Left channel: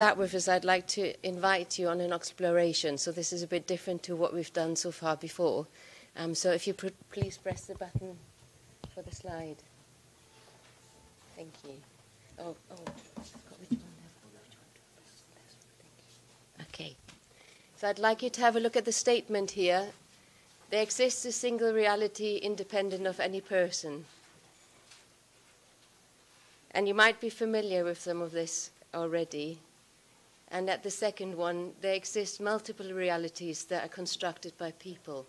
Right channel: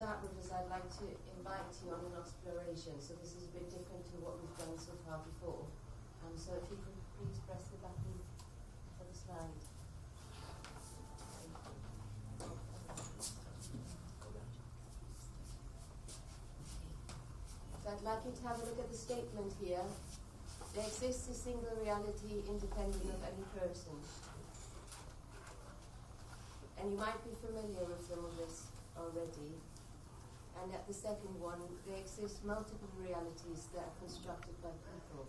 Start with is I'd like to invite you on an exploration. So this is a bit different to what we've done so far before. So if you please press the button for the slide. Thank you. Okay. So I'd like you to have a look at the statement here. There exists a single reality independent of any person. And you might be familiar with some of this already. And at the second one, there exist multiple realities that are constructed by people.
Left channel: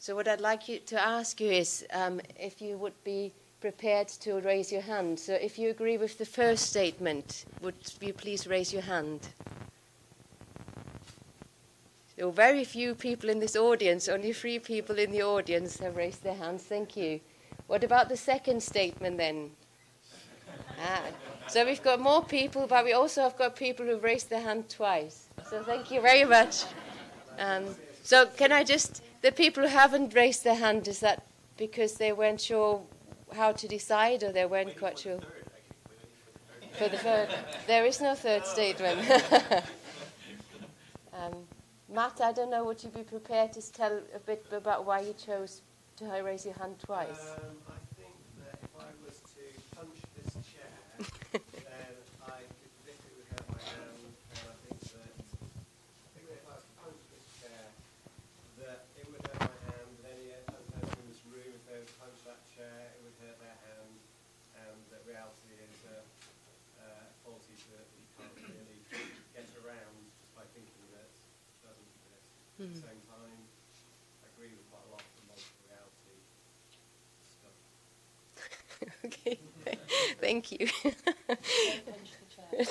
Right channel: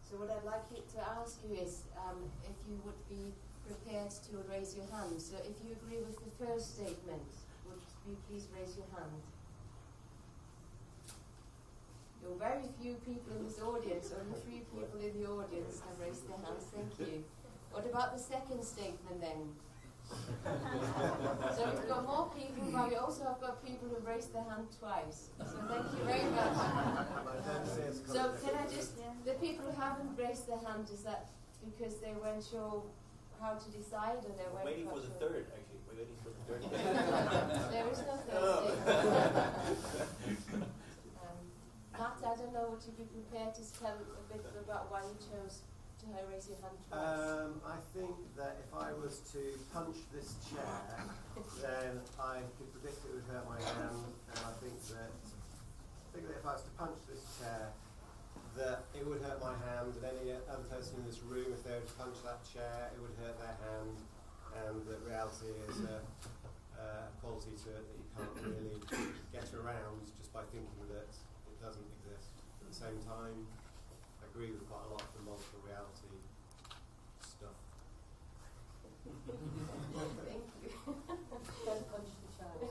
So what I'd like you to ask you is if you would be prepared to raise your hand. So if you agree with the first statement, would you please raise your hand? There are very few people in this audience, only 3 people in the audience have raised their hands. Thank you. What about the second statement then? So we've got more people, but we also have got people who've raised their hand twice. So thank you very much. So can I just, the people who haven't raised their hand, is that because they weren't sure how to decide, or they weren't quite sure? For the third. There is no third statement. Matt, I don't know, would you be prepared to tell a bit about why you chose to raise your hand twice? I think that if I was to punch this chair, then I could predict it would hurt my hand, and I think that if I was to punch this chair, that it would hurt my hand, and any other person in this room, if they were to punch that chair, it would hurt their hand, and the reality is a quality to it that you can't really get around just by thinking that it doesn't exist. At the same time, I agree with quite a lot of the multiple reality stuff. Okay, thank you.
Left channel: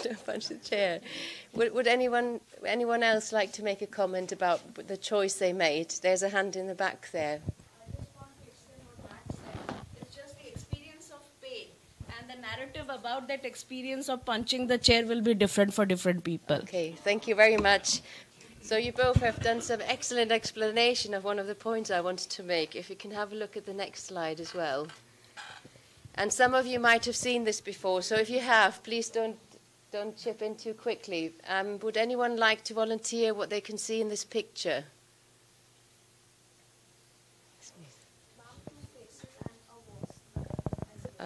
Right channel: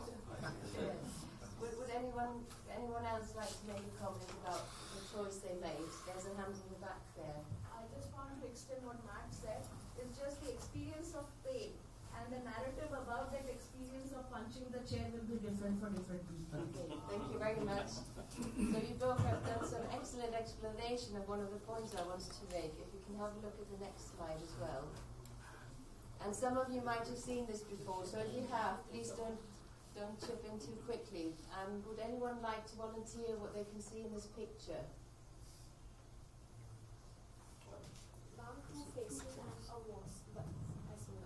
Don't punch the chair. Would anyone else like to make a comment about the choice they made? There's a hand in the back there. I just want to extend what Matt said. It's just the experience of pain, and the narrative about that experience of punching the chair will be different for different people. Okay, thank you very much. So you both have done some excellent explanation of one of the points I wanted to make. If you can have a look at the next slide as well. And some of you might have seen this before, so if you have, please don't chip in too quickly. Would anyone like to volunteer what they can see in this picture?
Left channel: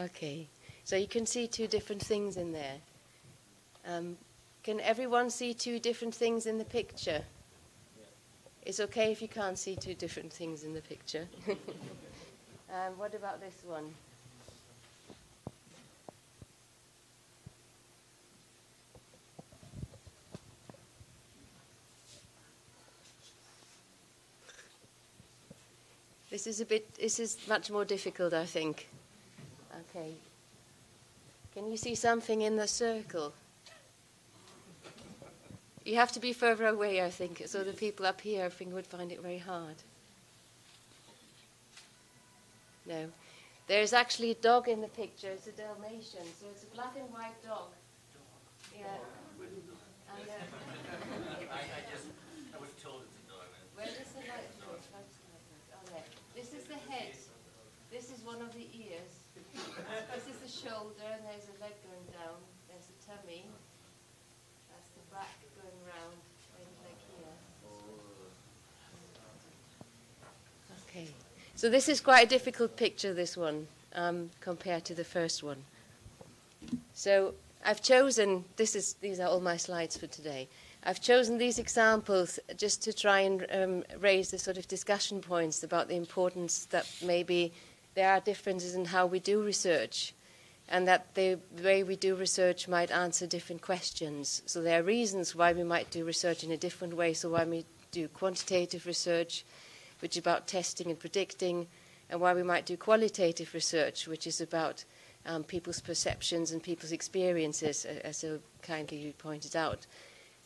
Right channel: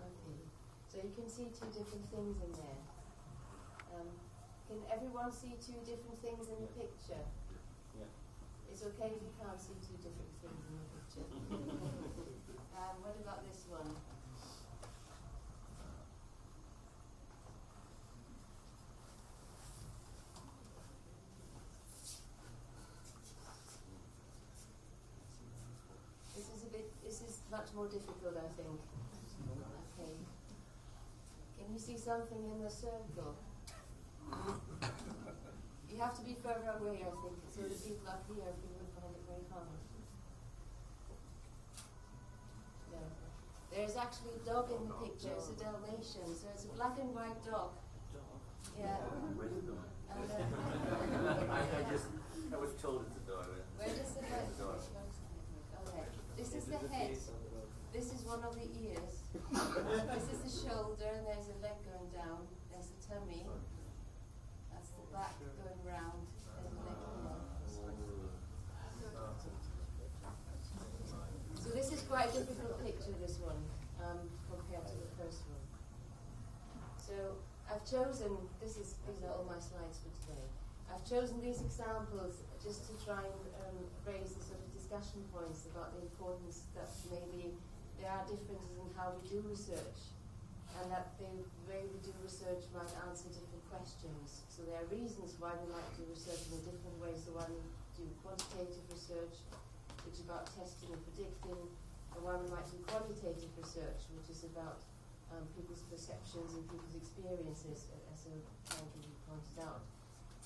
Okay, so you can see 2 different things in there. Can everyone see 2 different things in the picture? It's okay if you can't see 2 different things in the picture. What about this one? This is much more difficult, I think. Okay. Can you see something in the circle? You have to be further away, I think, so the people up here, I think, would find it very hard. No. There's actually a dog in the picture. It's a Dalmatian, so it's a black and white dog. Yeah. I was told it's a dog. Where is the head? Okay. This is the head. This is one of the ears. This is the shoulder, and there's a leg going down. There's the tummy. That's the back going round. And the leg here. Okay. So this is quite a difficult picture, this one, compared to the first one. So I've chosen, these are all my slides for today. I've chosen these examples just to try and raise the sort of discussion points about the importance that maybe there are differences in how we do research, and that the way we do research might answer different questions. So there are reasons why we might do research in a different way. So why we do quantitative research, which is about testing and predicting, and why we might do qualitative research, which is about people's perceptions and people's experiences, as so kindly you pointed out.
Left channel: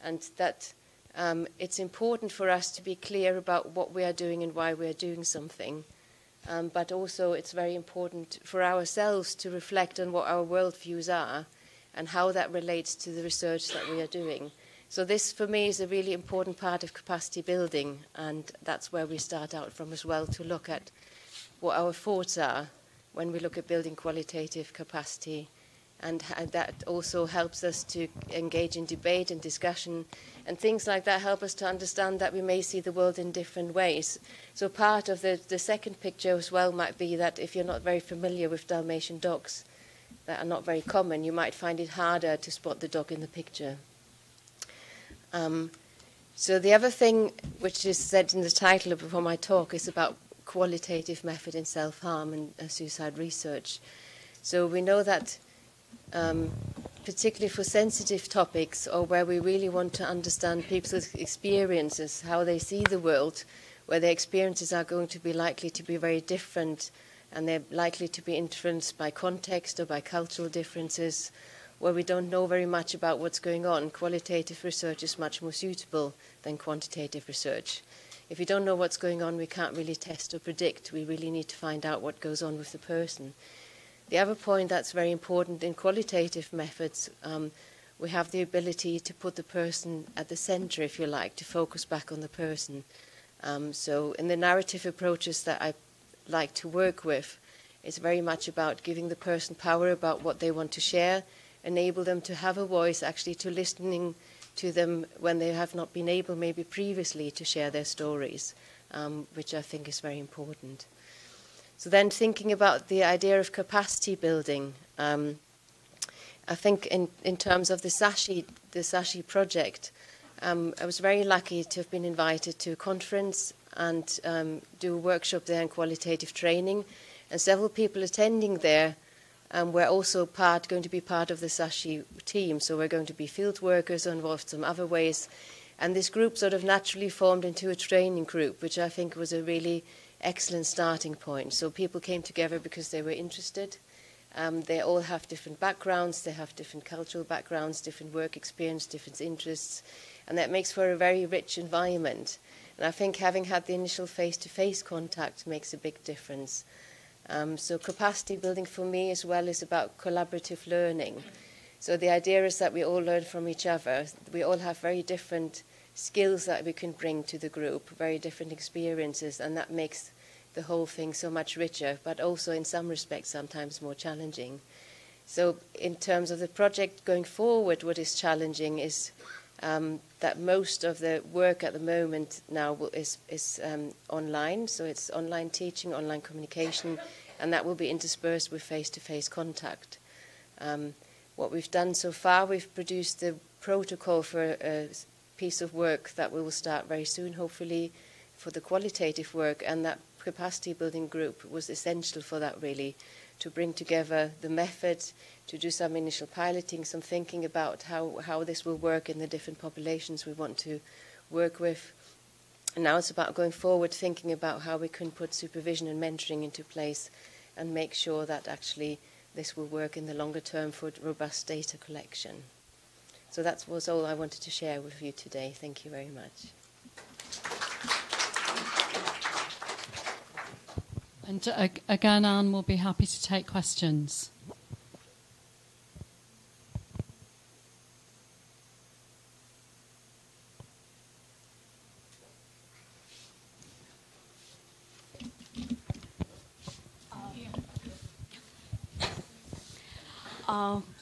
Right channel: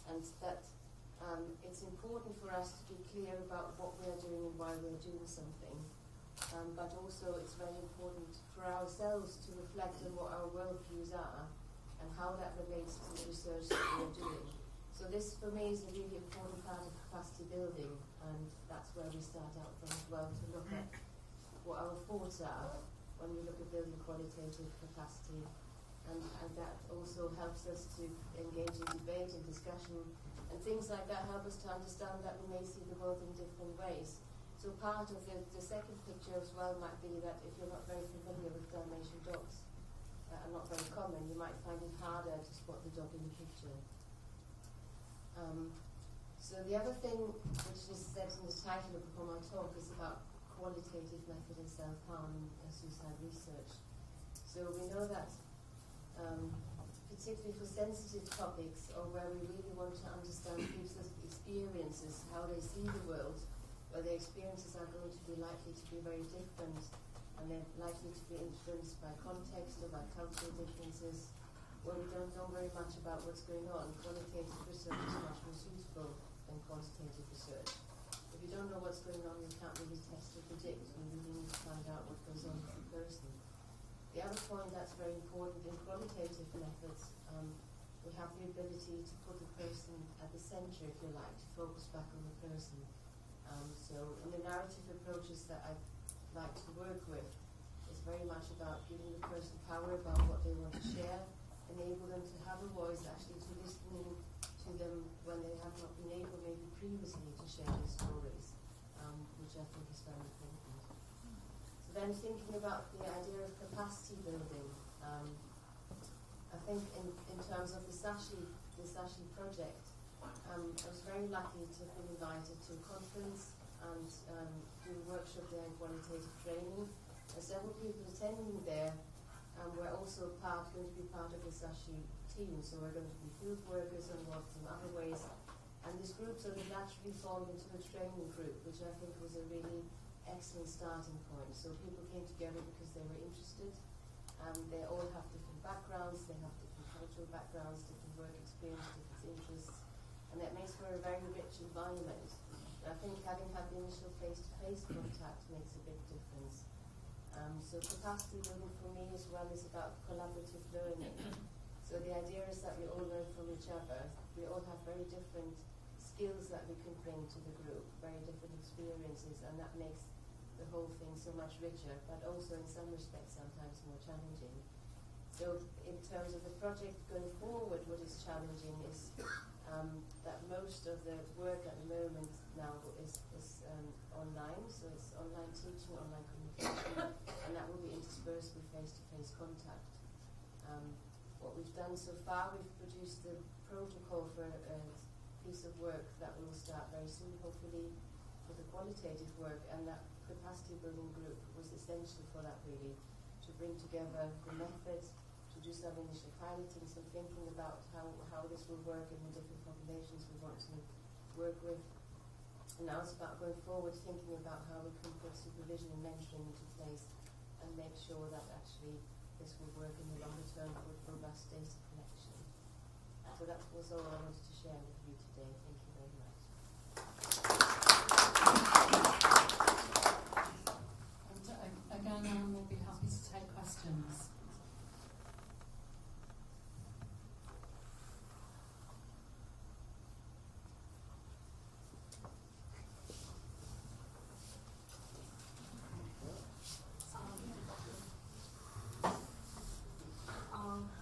And that it's important for us to be clear about what we are doing and why we are doing something. But also it's very important for ourselves to reflect on what our worldviews are and how that relates to the research that we are doing. So this, for me, is a really important part of capacity building, and that's where we start out from as well, to look at what our thoughts are when we look at building qualitative capacity and that also helps us to engage in debate and discussion, and things like that help us to understand that we may see the world in different ways. So part of the second picture as well might be that if you're not very familiar with Dalmatian dogs that are not very common, you might find it harder to spot the dog in the picture. So the other thing which is said in the title of my talk is about qualitative method in self-harm and suicide research. So we know that particularly for sensitive topics, or where we really want to understand people's experiences, how they see the world, where their experiences are going to be likely to be very different, and they're likely to be influenced by context or by cultural differences, where we don't know very much about what's going on, qualitative research is much more suitable than quantitative research. If we don't know what's going on, we can't really test or predict. We really need to find out what goes on with the person. The other point that's very important in qualitative methods, we have the ability to put the person at the center, if you like, to focus back on the person. So in the narrative approaches that I like to work with, it's very much about giving the person power about what they want to share, enable them to have a voice, actually to listening to them when they have not been able maybe previously to share their stories, which I think is very important. So then thinking about the idea of capacity building, I think in terms of the SASHI project, I was very lucky to have been invited to a conference and do a workshop there in qualitative training, and several people attending there were also going to be part of the SASHI team, so we're going to be field workers or involved some other ways, and this group sort of naturally formed into a training group, which I think was a really excellent starting point. So people came together because they were interested. They all have different backgrounds, they have different cultural backgrounds, different work experience, different interests, and that makes for a very rich environment. And I think having had the initial face-to-face contact makes a big difference. So capacity building for me as well is about collaborative learning. So the idea is that we all learn from each other. We all have very different skills that we can bring to the group, very different experiences, and that makes the whole thing so much richer, but also in some respects sometimes more challenging. So in terms of the project going forward, what is challenging is that most of the work at the moment now is online, so it's online teaching, online communication, and that will be interspersed with face-to-face contact. What we've done so far, we've produced the protocol for a piece of work that we will start very soon, hopefully, for the qualitative work, and that capacity building group was essential for that, really, to bring together the method, to do some initial piloting, some thinking about how this will work in the different populations we want to work with. And now it's about going forward, thinking about how we can put supervision and mentoring into place and make sure that actually this will work in the longer term for robust data collection. So that was all I wanted to share with you today. Thank you very much. And again, Anne will be happy to take questions.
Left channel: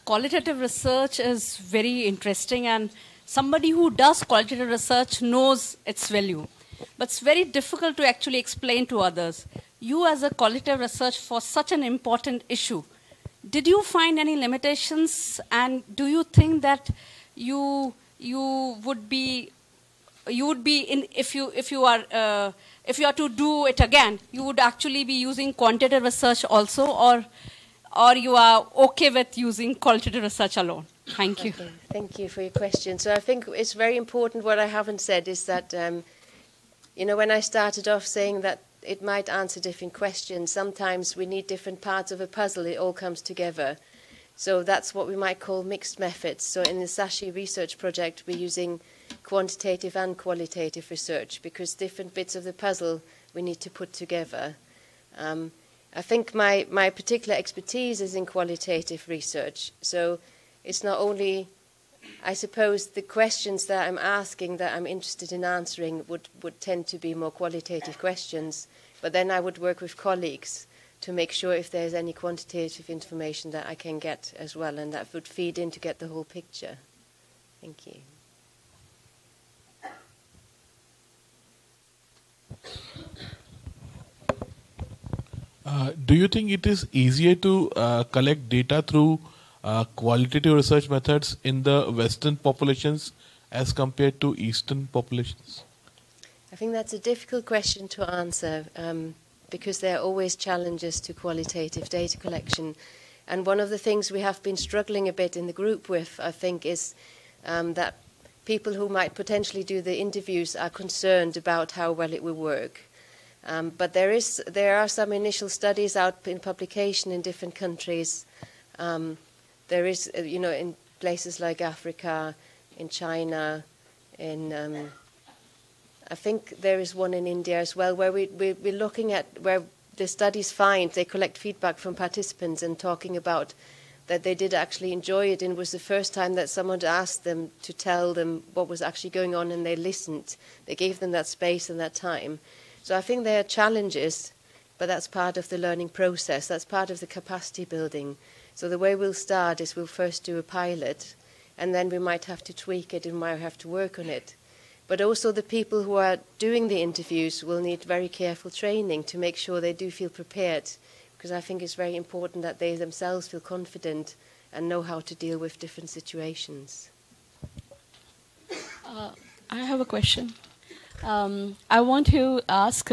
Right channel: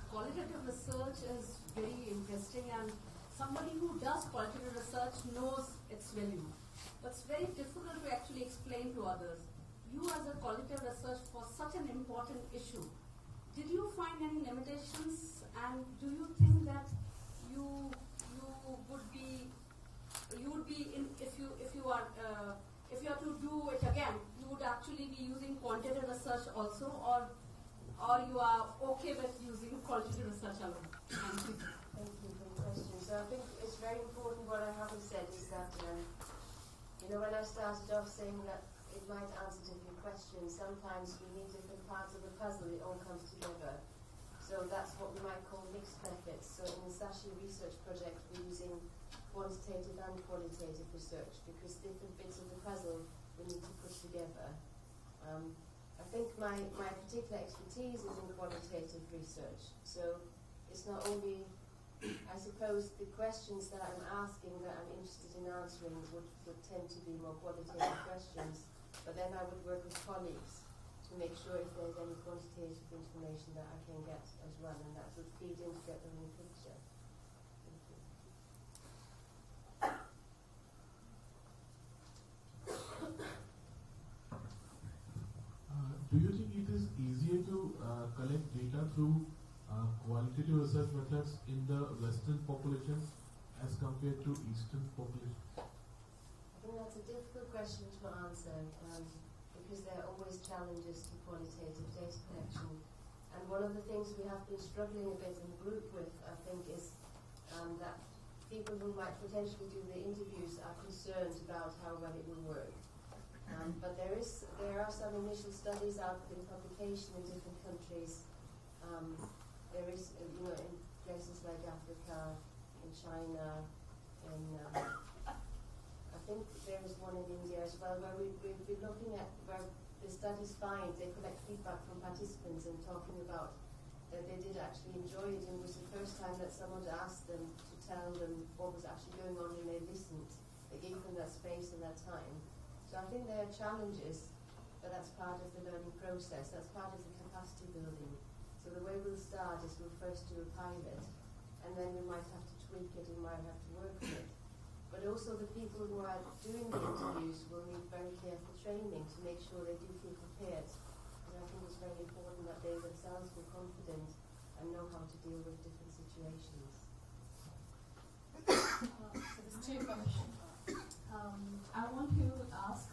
Qualitative research is very interesting, and somebody who does qualitative research knows its value. But it's very difficult to actually explain to others. You as a qualitative research for such an important issue, did you find any limitations, and do you think that you would be in, if you are to do it again, you would actually be using quantitative research also, or you are okay with using qualitative research alone? Thank you. Okay. Thank you for your question. So I think it's very important. What I haven't said is that, when I started off saying that it might answer different questions, sometimes we need different parts of a puzzle. It all comes together. So that's what we might call mixed methods. So in the SASHI research project, we're using quantitative and qualitative research because different bits of the puzzle we need to put together. I think my particular expertise is in qualitative research. So it's not only, I suppose, the questions that I'm asking that I'm interested in answering would tend to be more qualitative questions, but then I would work with colleagues to make sure if there's any quantitative information that I can get as well, and that would feed in to get the whole picture. Thank you. Do you think it is easier to collect data through qualitative research methods in the Western populations as compared to Eastern populations? I think that's a difficult question to answer because there are always challenges to qualitative data collection. And one of the things we have been struggling a bit in the group with, I think, is that people who might potentially do the interviews are concerned about how well it will work. But there are some initial studies out in publication in different countries. There is, in places like Africa, in China, in I think there is one in India as well, where we're looking at where the studies find they collect feedback from participants and talking about that they did actually enjoy it, and it was the first time that someone asked them to tell them what was actually going on, and they listened. They gave them that space and that time. So I think there are challenges, but that's part of the learning process. That's part of the capacity building. So the way we'll start is we'll first do a pilot, and then we might have to tweak it and we might have to work on it. But also the people who are doing the interviews will need very careful training to make sure they do feel prepared, because I think it's very important that they themselves feel confident and know how to deal with different situations. I have a question. I want to ask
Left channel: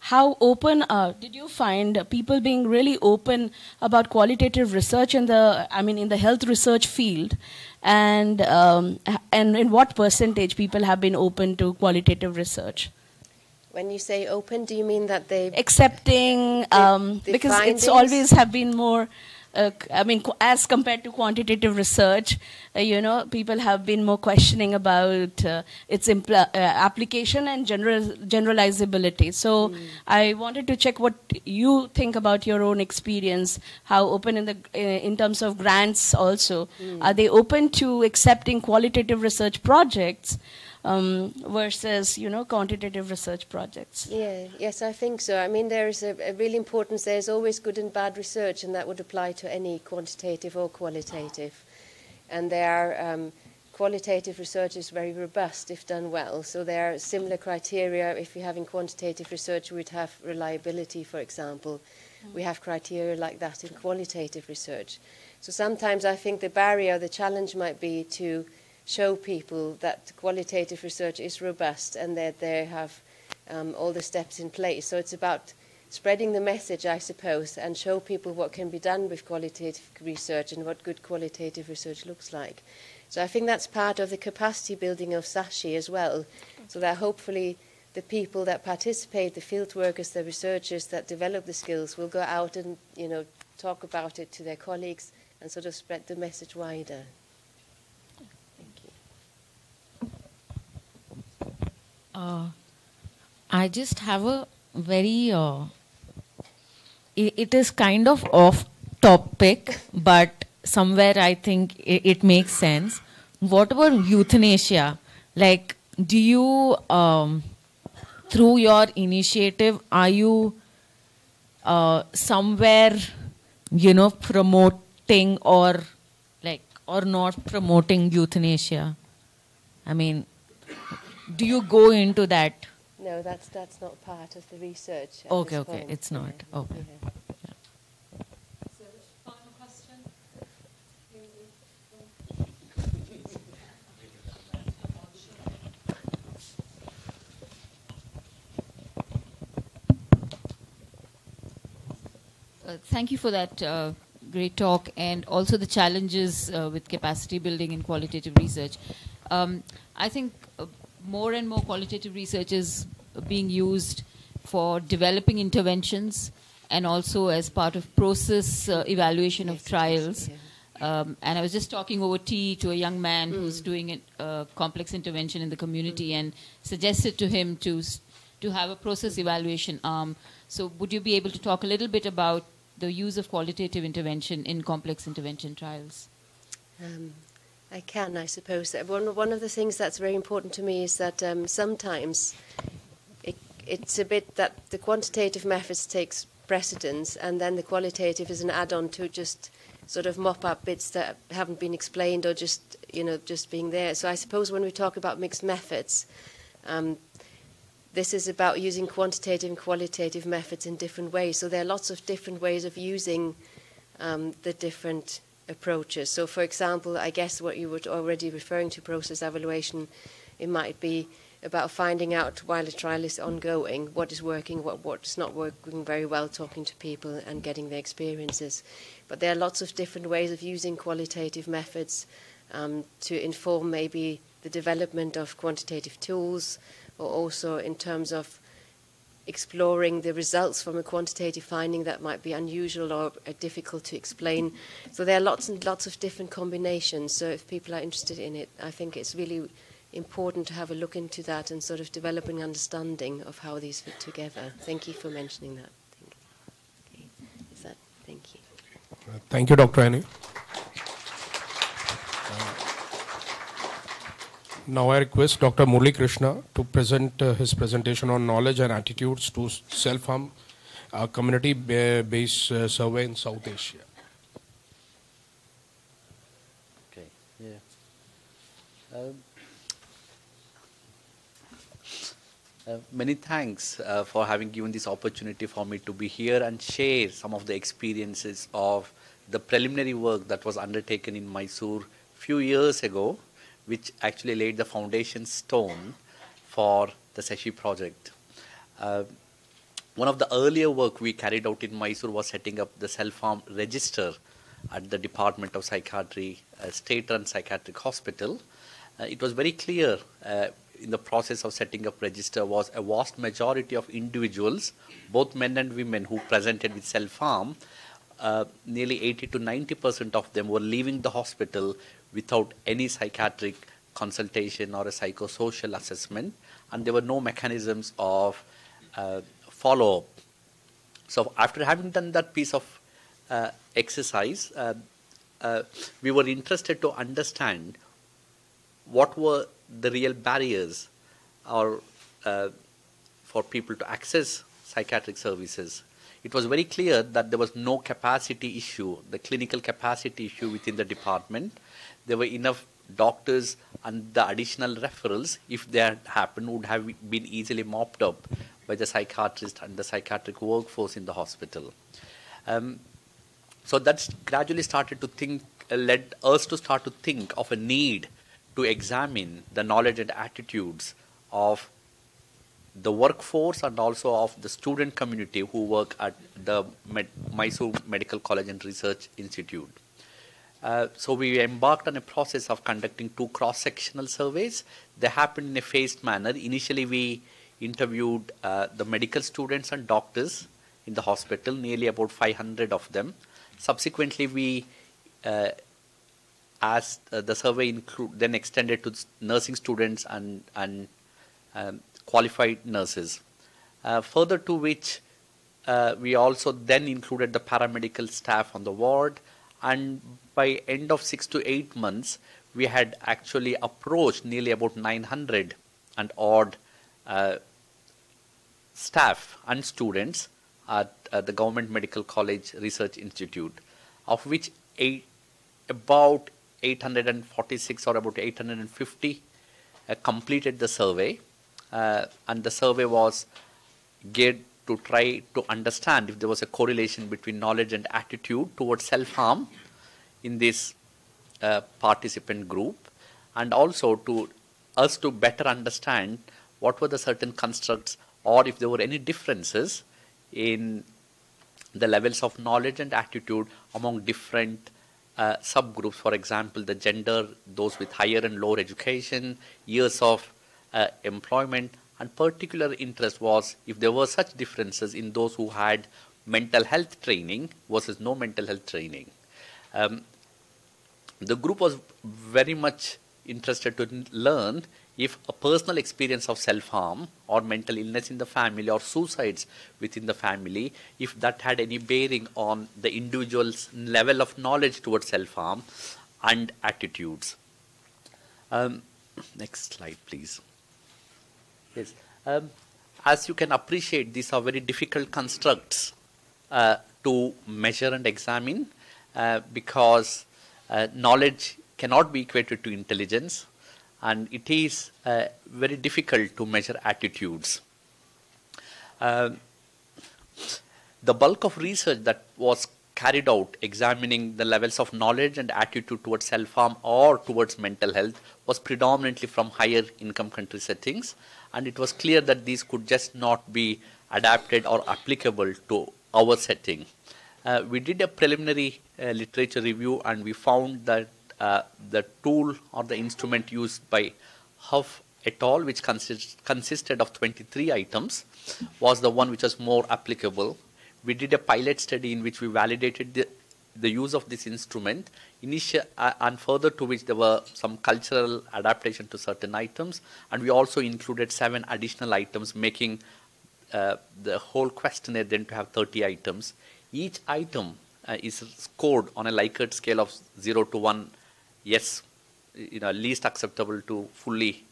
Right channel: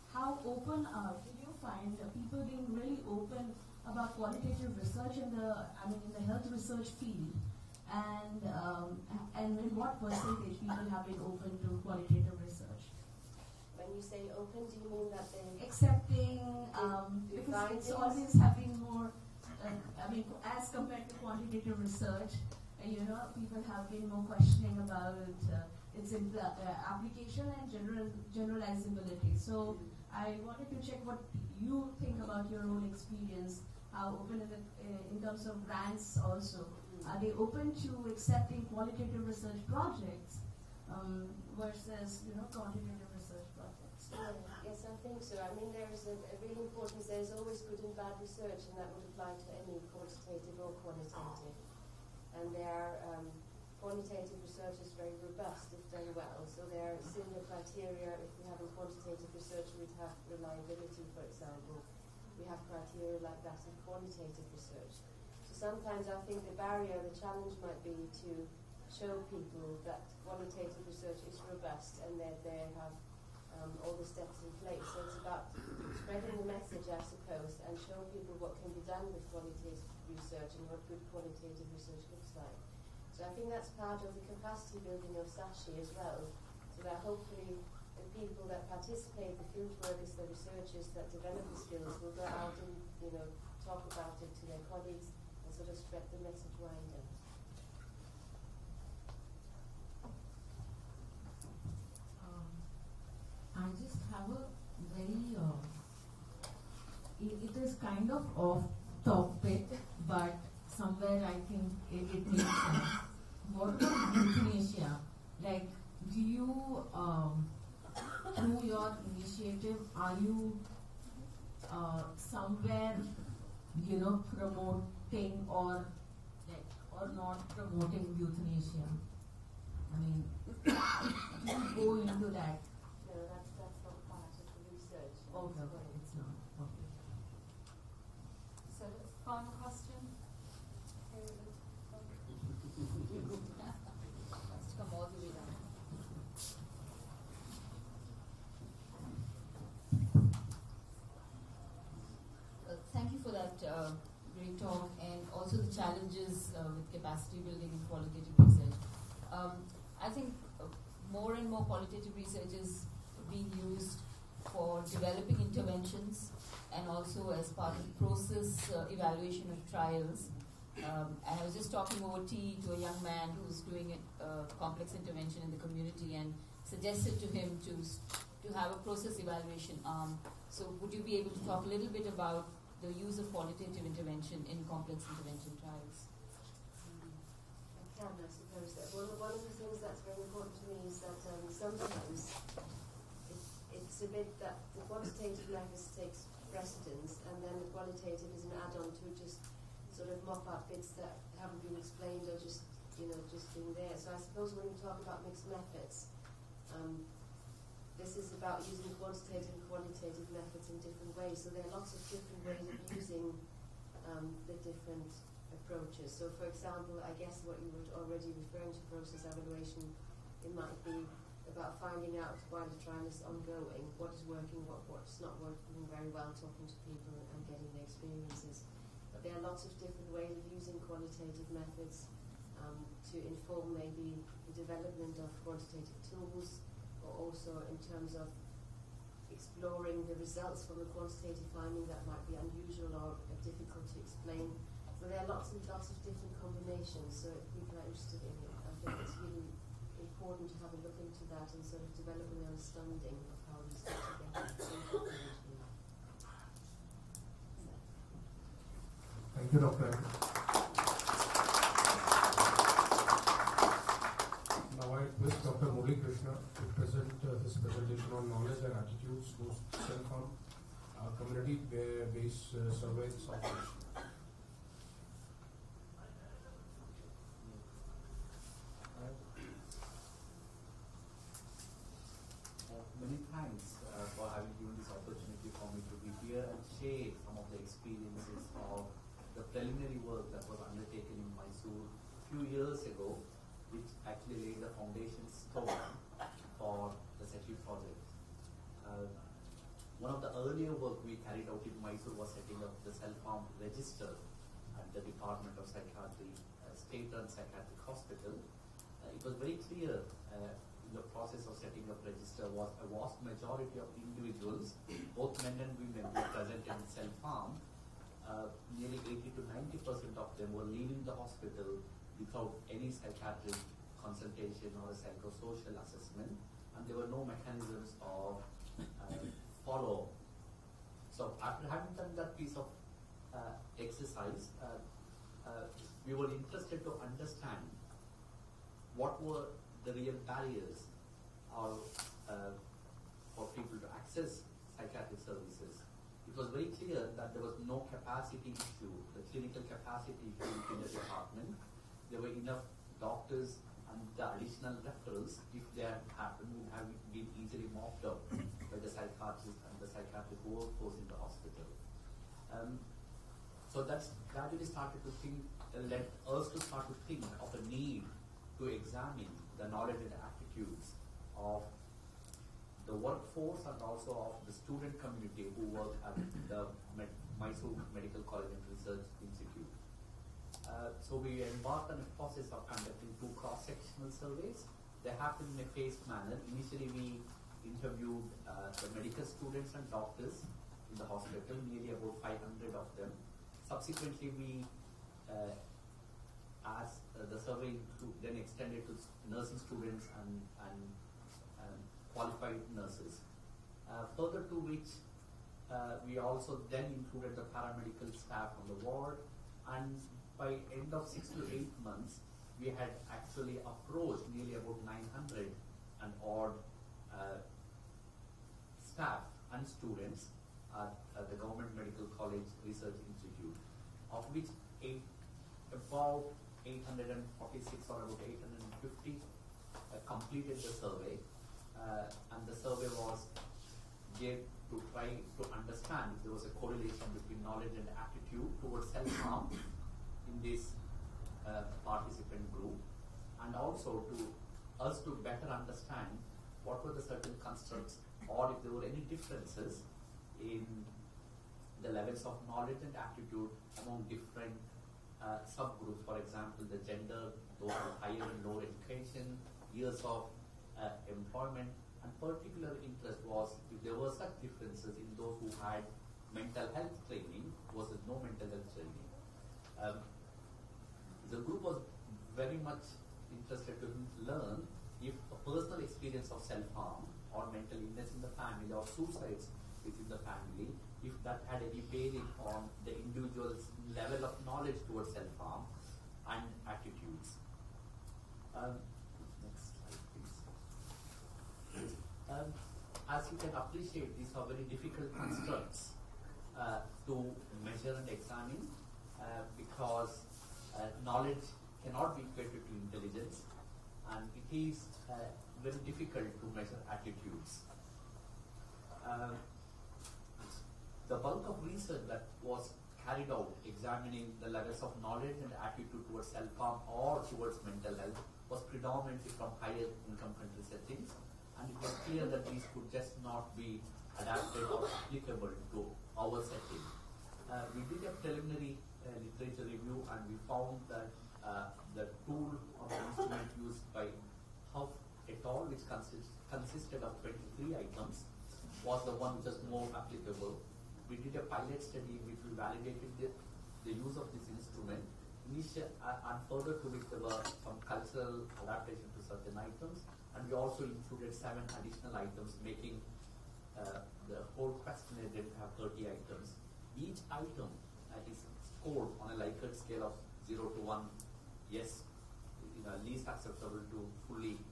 how open did you find people being really open about qualitative research in the health research field, and in what percentage people have been open to qualitative research? When you say open, do you mean that they accepting the because findings? It's always have been more as compared to quantitative research, people have been more questioning about its application and generalizability. So I wanted to check what you think about your own experience, how open in terms of grants also. Are they open to accepting qualitative research projects versus, quantitative research projects? Yes, I think so. I mean, there is a real importance. There's always good and bad research, and that would apply to any quantitative or qualitative. And qualitative research is very robust if done well. So there are similar criteria. If you're having quantitative research, we'd have reliability, for example. We have criteria like that in qualitative research. So sometimes I think the barrier, the challenge might be to show people that qualitative research is robust and that they have all the steps in place. So it's about spreading the message, I suppose, and show people what can be done with qualitative research and what good qualitative research looks like. So I think that's part of the capacity building of SASHI as well, so that hopefully the people that participate, the field workers, the researchers that develop the skills will go out and talk about it to their colleagues and sort of spread the message wider. I just have a very, it is kind of off topic, but somewhere I think it makes sense. What about euthanasia? Like, do you, through your initiative, are you somewhere, promoting or not promoting euthanasia? I mean, do you go into that? No, that's not part of the research. Okay, it's not. Okay. Yeah. So, final question? Thank you for that great talk, and also the challenges with capacity building in qualitative research. I think more and more qualitative research is being used for developing interventions and also as part of process evaluation of trials. And I was just talking over tea to a young man who's doing a complex intervention in the community and suggested to him to have a process evaluation arm. So would you be able to talk a little bit about the use of qualitative intervention in complex intervention trials? I can, I suppose. One of the things that's very important to me is that sometimes it's a bit that the quantitative methods takes precedence, and then the qualitative is an add-on to just sort of mop up bits that haven't been explained or just, just being there. So I suppose when we talk about mixed methods, this is about using quantitative and qualitative methods in different ways. So there are lots of different ways of using the different approaches. So for example, I guess what you were already referring to, process evaluation, it might be about finding out while a trial is ongoing what is working, what's not working very well, talking to people and getting their experiences. But there are lots of different ways of using qualitative methods to inform maybe the development of quantitative tools, or also in terms of exploring the results from a quantitative finding that might be unusual or difficult to explain. So there are lots and lots of different combinations. So if people are interested in it, I think it's really important to have a look into that and sort of develop an understanding of how these fit together. Thank you for mentioning that. Thank you. Thank you, Dr. Annie. Now I request Dr. Murali Krishna to present his presentation on knowledge and attitudes to self-harm, community-based survey in South Asia. Okay. Yeah. Many thanks for having given this opportunity for me to be here and share some of the experiences of the preliminary work that was undertaken in Mysore few years ago, which actually laid the foundation stone for the SESHI project. One of the earlier work we carried out in Mysore was setting up the self-harm register at the Department of Psychiatry, state-run psychiatric hospital. It was very clear in the process of setting up register was a vast majority of individuals, both men and women, who presented with self-harm. Nearly 80 to 90% of them were leaving the hospital without any psychiatric consultation or a psychosocial assessment, and there were no mechanisms of follow-up. So after having done that piece of exercise, we were interested to understand what were the real barriers or for people to access psychiatric services. It was very clear that there was no capacity issue, the clinical capacity issue within the department. There were enough doctors, and the additional referrals, if they had happened, would have been easily mopped up by the psychiatrist and the psychiatric workforce in the hospital. So that's gradually started to think, led us to start to think of a need to examine the knowledge and attitudes of the workforce and also of the student community who work at the Mysore Medical College and Research Institute. So we embarked on a process of conducting 2 cross-sectional surveys. They happened in a phased manner. Initially, we interviewed the medical students and doctors in the hospital, nearly about 500 of them. Subsequently, we asked the survey then extended to nursing students and qualified nurses. Further to which, we also then included the paramedical staff on the ward, and by end of 6 to 8 months, we had actually approached nearly about 900 and odd staff and students at the Government Medical College Research Institute, of which about 846 or about 850 completed the survey, and the survey was geared to try to understand if there was a correlation between knowledge and attitude towards self-harm in this participant group, and also to us to better understand what were the certain constructs or if there were any differences in the levels of knowledge and attitude among different subgroups. For example, the gender, those with higher and lower education, years of employment, and particular interest was if there were such differences in those who had mental health training versus no mental health training. The group was very much interested to learn if a personal experience of self-harm or mental illness in the family or suicides within the family, if that had any bearing on the individual's level of knowledge towards self-harm and attitudes. Next slide, please. Yes. As you can appreciate, these are very difficult constructs to measure and examine because knowledge cannot be equated to intelligence, and it is very difficult to measure attitudes. The bulk of research that was carried out examining the levels of knowledge and attitude towards self-harm or towards mental health was predominantly from higher income country settings, and it was clear that these could just not be adapted or applicable to our setting. We did a preliminary literature review, and we found that the tool or the instrument used by Huff et al., which consisted of 23 items, was the one which was more applicable. We did a pilot study in which we validated the use of this instrument, and further to which there were some cultural adaptation to certain items, and we also included 7 additional items, making the whole questionnaire then to have 30 items. Each item is scored on a Likert scale of 0 to 1, yes, least acceptable to fully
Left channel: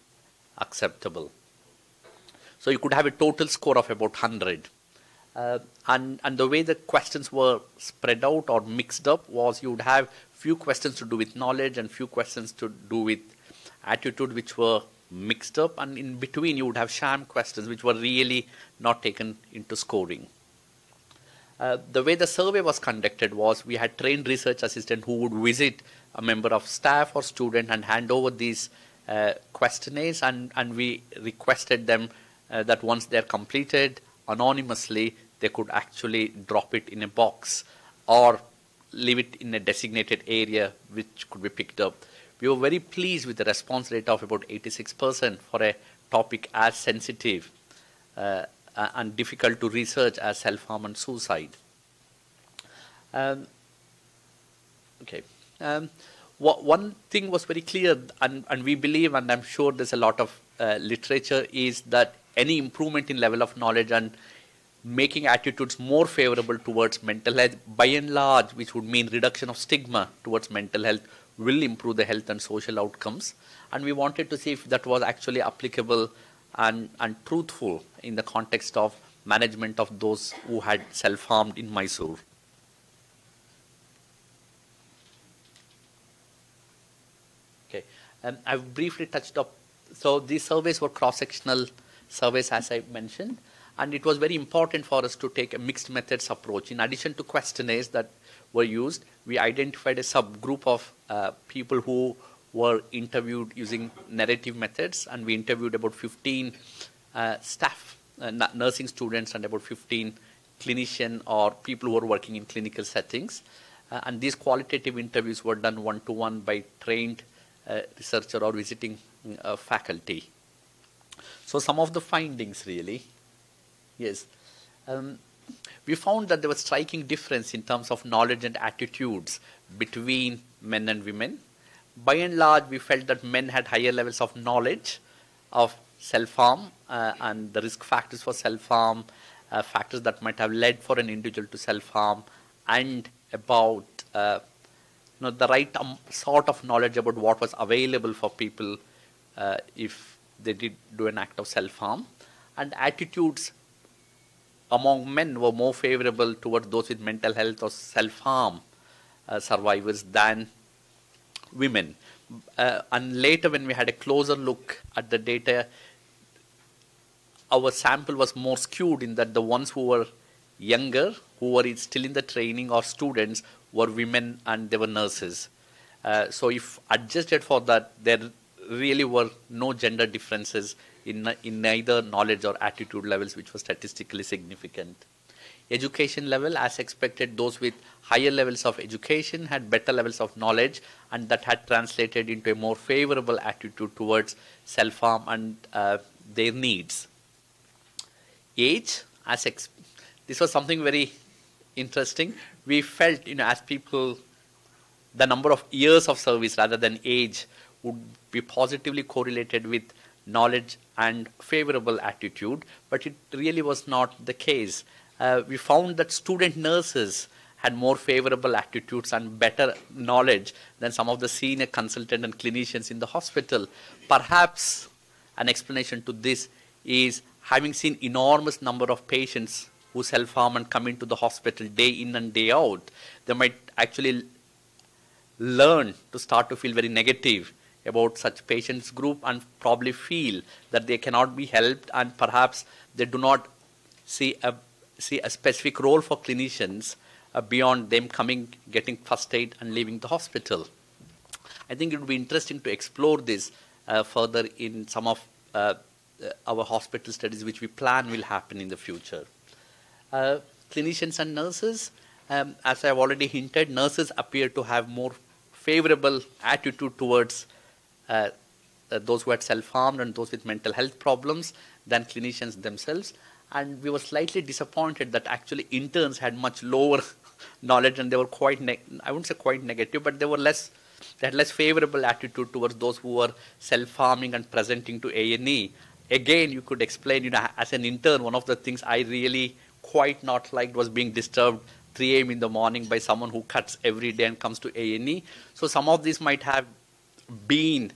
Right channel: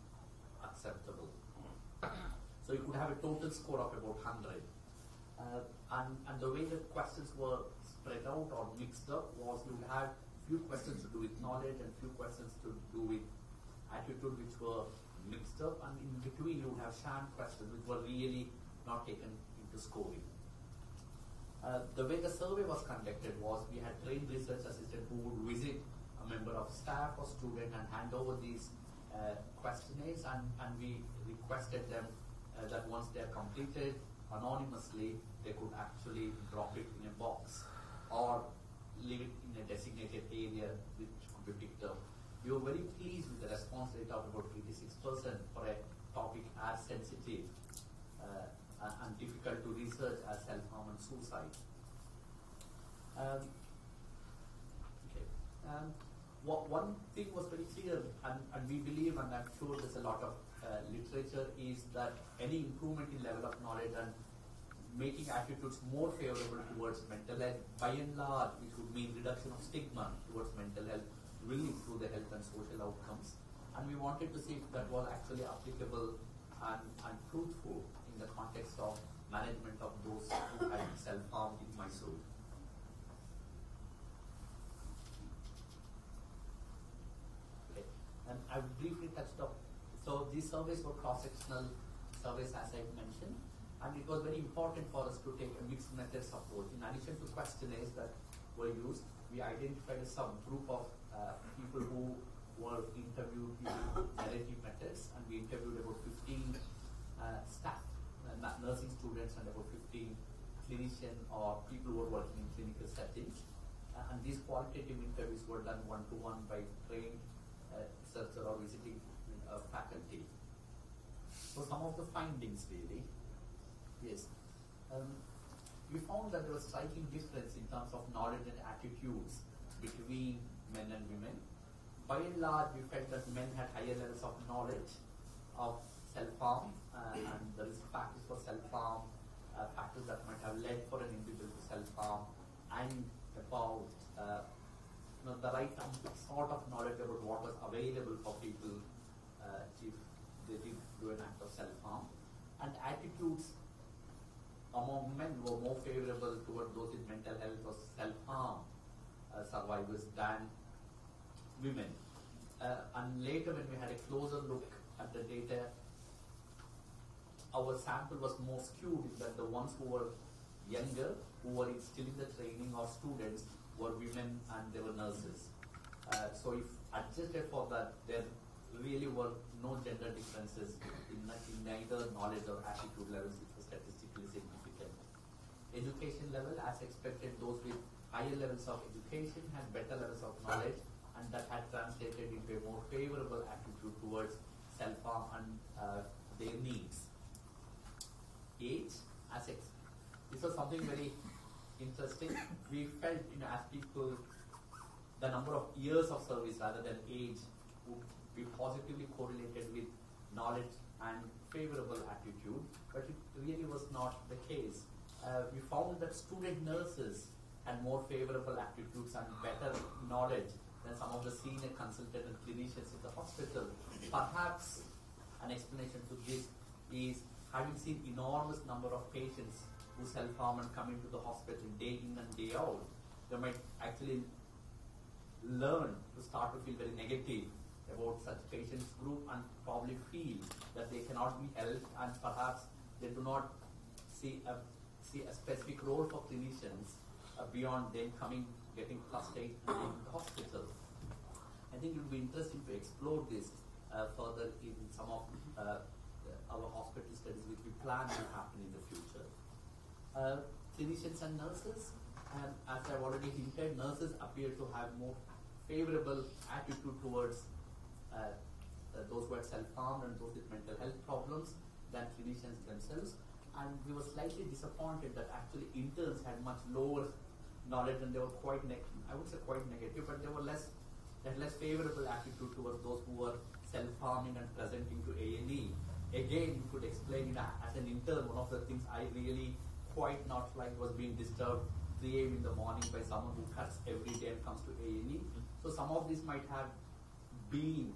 acceptable. So you could have a total score of about 100. And the way the questions were spread out or mixed up was you would have few questions to do with knowledge and few questions to do with attitude, which were mixed up, and in between you would have sham questions which were really not taken into scoring. The way the survey was conducted was we had trained research assistant who would visit a member of staff or student and hand over these questionnaires, and we requested them that once they're completed anonymously, they could actually drop it in a box or leave it in a designated area which could be picked up. We were very pleased with the response rate of about 86% for a topic as sensitive and difficult to research as self-harm and suicide. One thing was very clear, and we believe, and I'm sure there's a lot of literature, is that any improvement in level of knowledge and making attitudes more favorable towards mental health, by and large, which would mean reduction of stigma towards mental health, will improve the health and social outcomes. And we wanted to see if that was actually applicable and truthful in the context of management of those who had self-harmed in Mysore. Okay, I've briefly touched up. So these surveys were cross-sectional surveys, as I mentioned, and it was very important for us to take a mixed methods approach. In addition to questionnaires that were used, we identified a subgroup of people who were interviewed using narrative methods, and we interviewed about 15 staff, nursing students, and about 15 clinician or people who are working in clinical settings. And these qualitative interviews were done one-to-one by trained researcher or visiting faculty. So some of the findings really, yes. We found that there was striking difference in terms of knowledge and attitudes between men and women. By and large, we felt that men had higher levels of knowledge of self-harm and the risk factors for self-harm, factors that might have led for an individual to self-harm, and about the right sort of knowledge about what was available for people if they did do an act of self-harm. And attitudes among men were more favorable towards those with mental health or self-harm survivors than women. And later, when we had a closer look at the data, our sample was more skewed in that the ones who were younger, who were still in the training or students, were women and they were nurses. So if adjusted for that, there really were no gender differences in neither knowledge or attitude levels, which was statistically significant. Education level, as expected, those with higher levels of education had better levels of knowledge, and that had translated into a more favorable attitude towards self-harm and their needs. Age, this was something very interesting. We felt, as people, the number of years of service rather than age would be positively correlated with knowledge and favorable attitude, but it really was not the case. We found that student nurses had more favorable attitudes and better knowledge than some of the senior consultant and clinicians in the hospital. Perhaps an explanation to this is having seen enormous number of patients who self-harm and come into the hospital day in and day out, they might actually learn to start to feel very negative about such patients group and probably feel that they cannot be helped, and perhaps they do not see a specific role for clinicians beyond them coming, getting first aid and leaving the hospital. I think it would be interesting to explore this further in some of our hospital studies which we plan will happen in the future. Clinicians and nurses, as I have already hinted, nurses appear to have more favorable attitude towards those who had self-harmed and those with mental health problems than clinicians themselves. And we were slightly disappointed that actually interns had much lower knowledge, and they were quite, I wouldn't say quite negative, but they had less favorable attitude towards those who were self-harming and presenting to A&E. Again, you could explain, as an intern, one of the things I really quite not liked was being disturbed 3 a.m. in the morning by someone who cuts every day and comes to A&E. So some of these might have been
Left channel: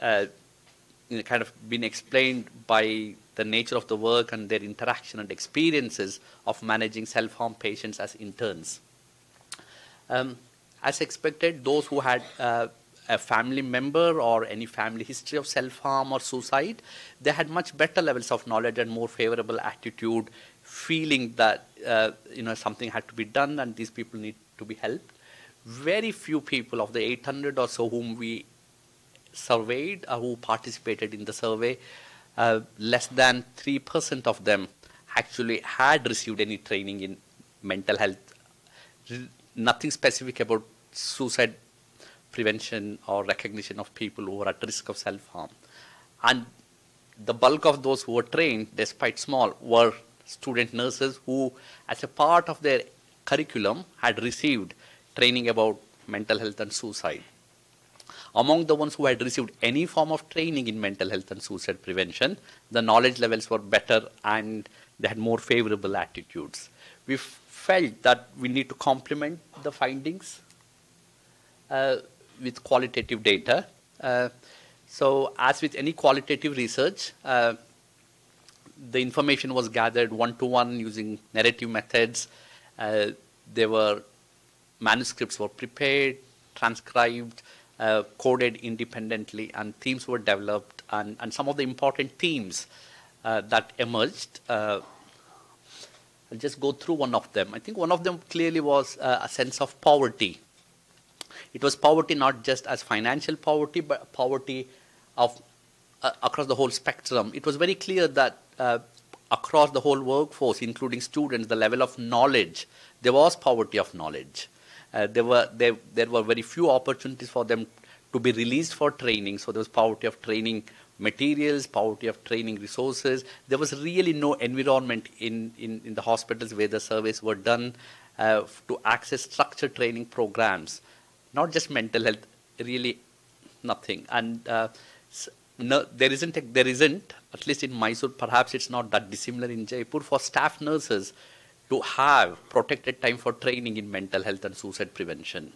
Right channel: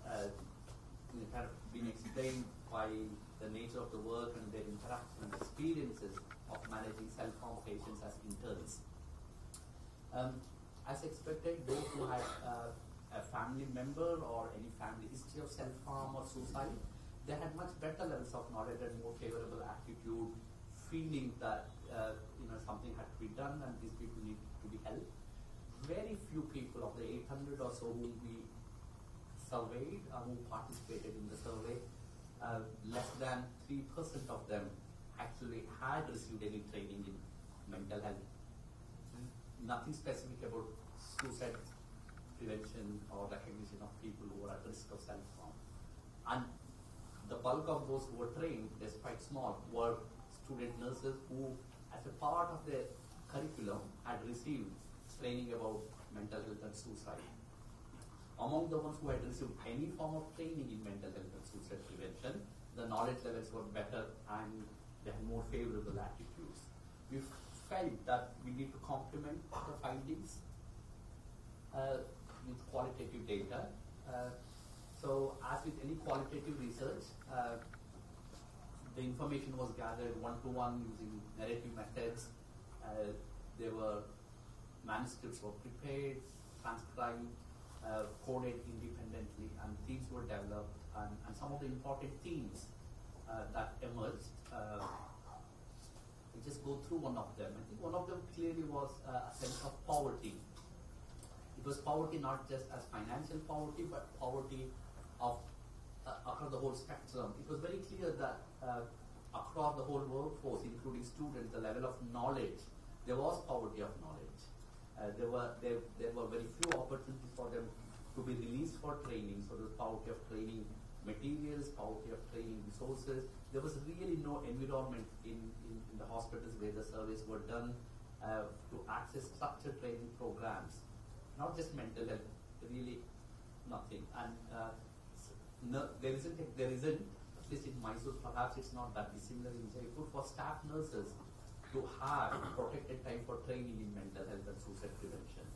kind of been explained by the nature of the work and their interaction and experiences of managing self-harm patients as interns. As expected, those who had a family member or any family history of self-harm or suicide, they had much better levels of knowledge and more favorable attitude, feeling that something had to be done and these people need to be helped. Very few people of the 800 or so whom we surveyed, who participated in the survey, less than 3% of them actually had received any training in mental health. Nothing specific about suicide prevention or recognition of people who are at risk of self-harm. And the bulk of those who were trained, despite small, were student nurses who, as a part of their curriculum, had received training about mental health and suicide. Among the ones who had received any form of training in mental health and suicide prevention, the knowledge levels were better and they had more favorable attitudes. We felt that we need to complement the findings with qualitative data. So as with any qualitative research, the information was gathered one-to-one using narrative methods. Manuscripts were prepared, transcribed, coded independently, and themes were developed, and some of the important themes that emerged. I'll just go through one of them. I think one of them clearly was a sense of poverty. It was poverty not just as financial poverty, but poverty of across the whole spectrum. It was very clear that across the whole workforce, including students, the level of knowledge, there was poverty of knowledge. There were very few opportunities for them to be released for training. So there was poverty of training materials, poverty of training resources. There was really no environment in the hospitals where the surveys were done to access structured training programs. Not just mental health, really nothing. And there isn't, at least in Mysore, perhaps it's not that dissimilar in Jaipur, for staff nurses to have protected time for training in mental health and suicide prevention.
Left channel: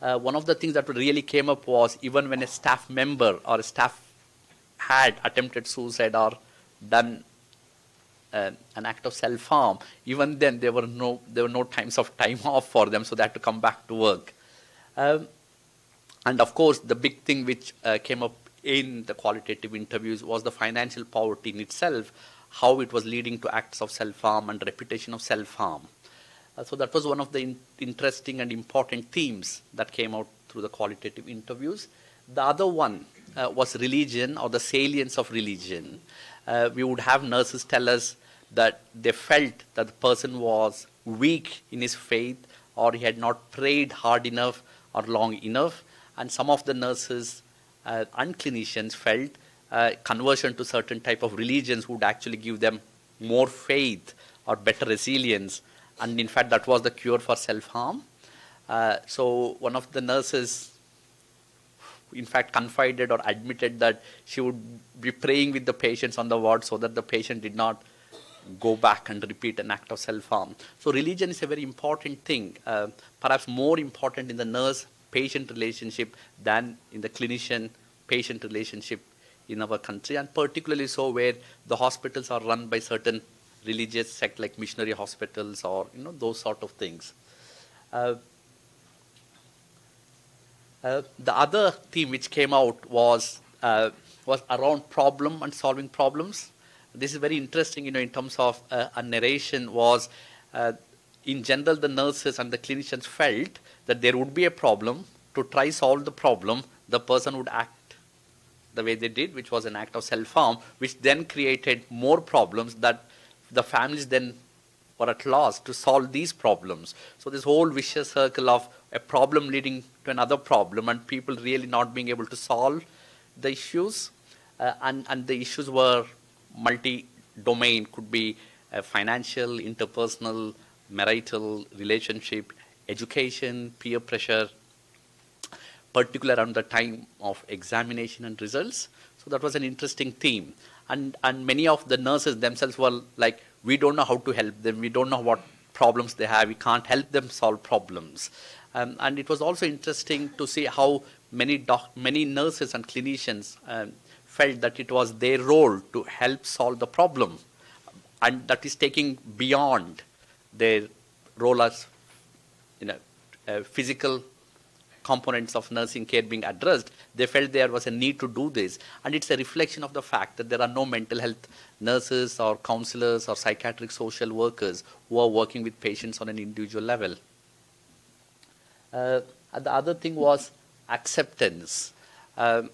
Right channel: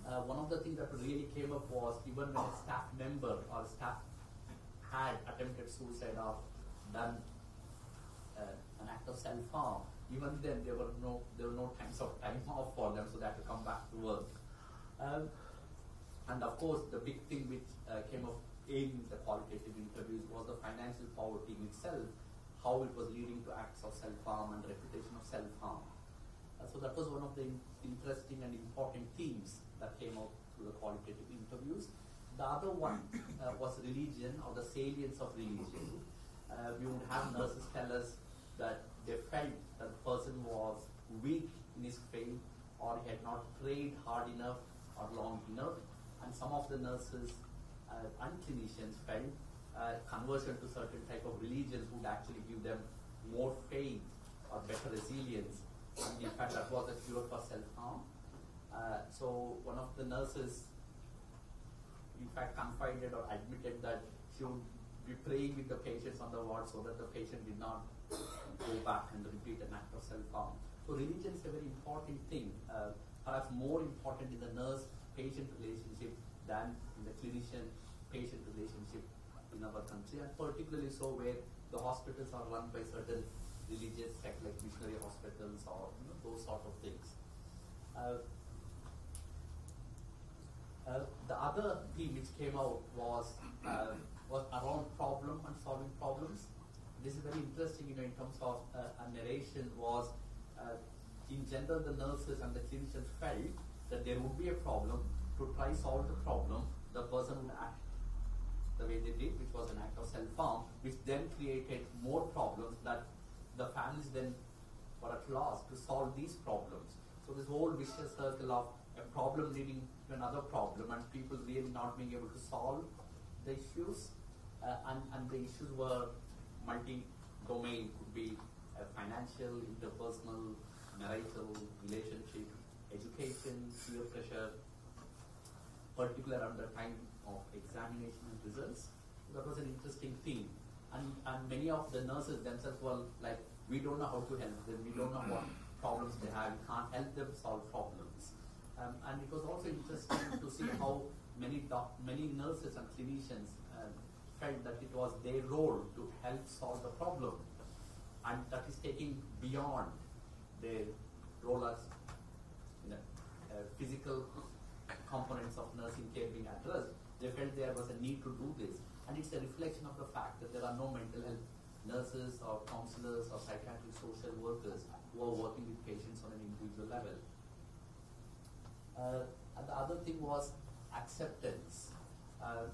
One of the things that really came up was even when a staff member or a staff had attempted suicide or done an act of self-harm, even then there were no times of time off for them, so they had to come back to work. And of course, the big thing which came up in the qualitative interviews was the financial poverty in itself, how it was leading to acts of self-harm and reputation of self-harm. So that was one of the interesting and important themes that came out through the qualitative interviews. The other one was religion, or the salience of religion. We would have nurses tell us that they felt that the person was weak in his faith, or he had not prayed hard enough or long enough. And some of the nurses and clinicians felt conversion to certain type of religions would actually give them more faith or better resilience. And in fact, that was the cure for self-harm. So one of the nurses, in fact, confided or admitted that she would be praying with the patients on the ward so that the patient did not go back and repeat an act of self-harm. So religion is a very important thing, perhaps more important in the nurse-patient relationship than in the clinician-patient relationship in our country, and particularly so where the hospitals are run by certain religious sect like missionary hospitals or those sort of things. The other theme which came out was around problem and solving problems. This is very interesting, in terms of a narration was, in general, the nurses and the clinicians felt that there would be a problem. To try solve the problem, the person would act the way they did, which was an act of self-harm, which then created more problems that the families then were at loss to solve these problems. So this whole vicious circle of a problem leading to another problem and people really not being able to solve the issues. And the issues were multi-domain, could be financial, interpersonal, marital, relationship, education, peer pressure, particular around the time of examination and results. So that was an interesting theme. And many of the nurses themselves were like, we don't know how to help them. We don't know what problems they have. We can't help them solve problems. And it was also interesting to see how many nurses and clinicians felt that it was their role to help solve the problem. And that is taking beyond their role as physical components of nursing care being addressed. They felt there was a need to do this. And it's a reflection of the fact that there are no mental health nurses or counselors or psychiatric social workers who are working with patients on an individual level. And the other thing was acceptance. One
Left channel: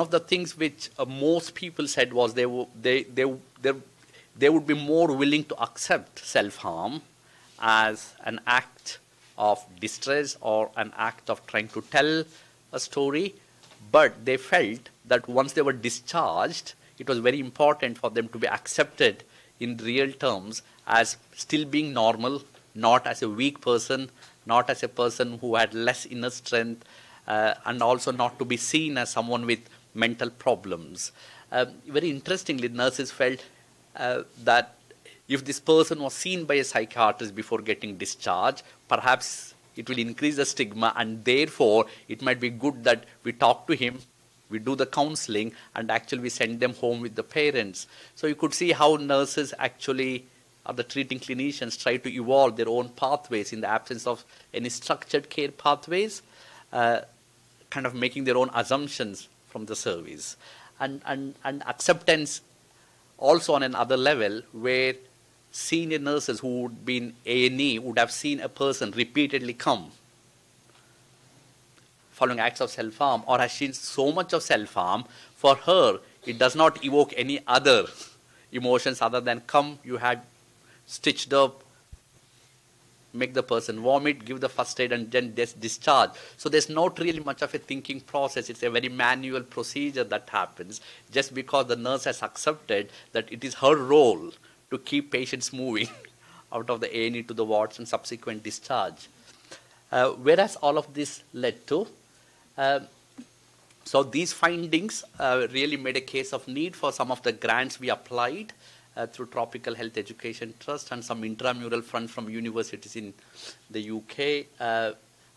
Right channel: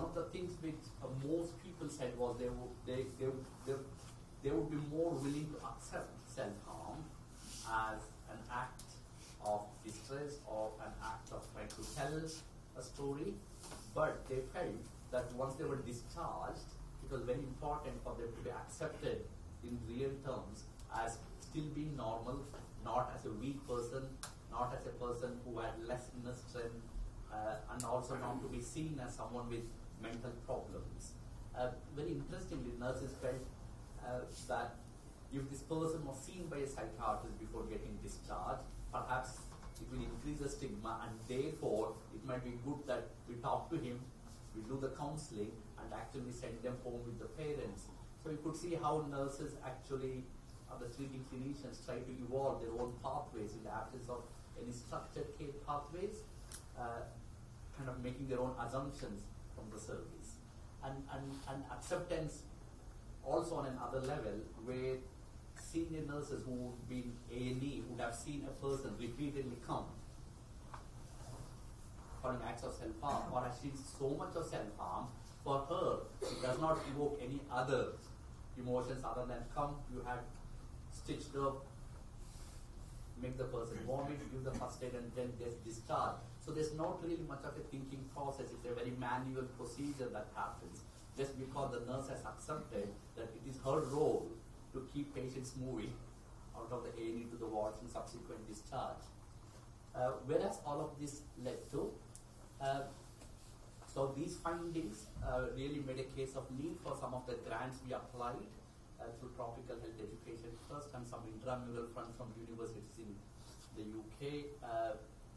of the things which most people said was they would be more willing to accept self-harm as an act of distress or an act of trying to tell a story, but they felt that once they were discharged, it was very important for them to be accepted in real terms as still being normal, not as a weak person, not as a person who had less inner strength, and also not to be seen as someone with mental problems. Very interestingly, nurses felt that if this person was seen by a psychiatrist before getting discharged, perhaps it will increase the stigma, and therefore it might be good that we talk to him, we do the counseling, and actually we send them home with the parents. So you could see how nurses actually, or the treating clinicians, try to evolve their own pathways in the absence of any structured care pathways, kind of making their own assumptions from the service. And acceptance also on another level, where senior nurses who would be in A&E would have seen a person repeatedly come following acts of self-harm, or has seen so much of self-harm, for her it does not evoke any other emotions other than come, you had stitched up, make the person vomit, give the first aid, and then discharge. So there's not really much of a thinking process. It's a very manual procedure that happens just because the nurse has accepted that it is her role to keep patients moving out of the A&E to the wards and subsequent discharge. Whereas all of this led to, so these findings really made a case of need for some of the grants we applied through Tropical Health Education Trust and some intramural funds from universities in the UK,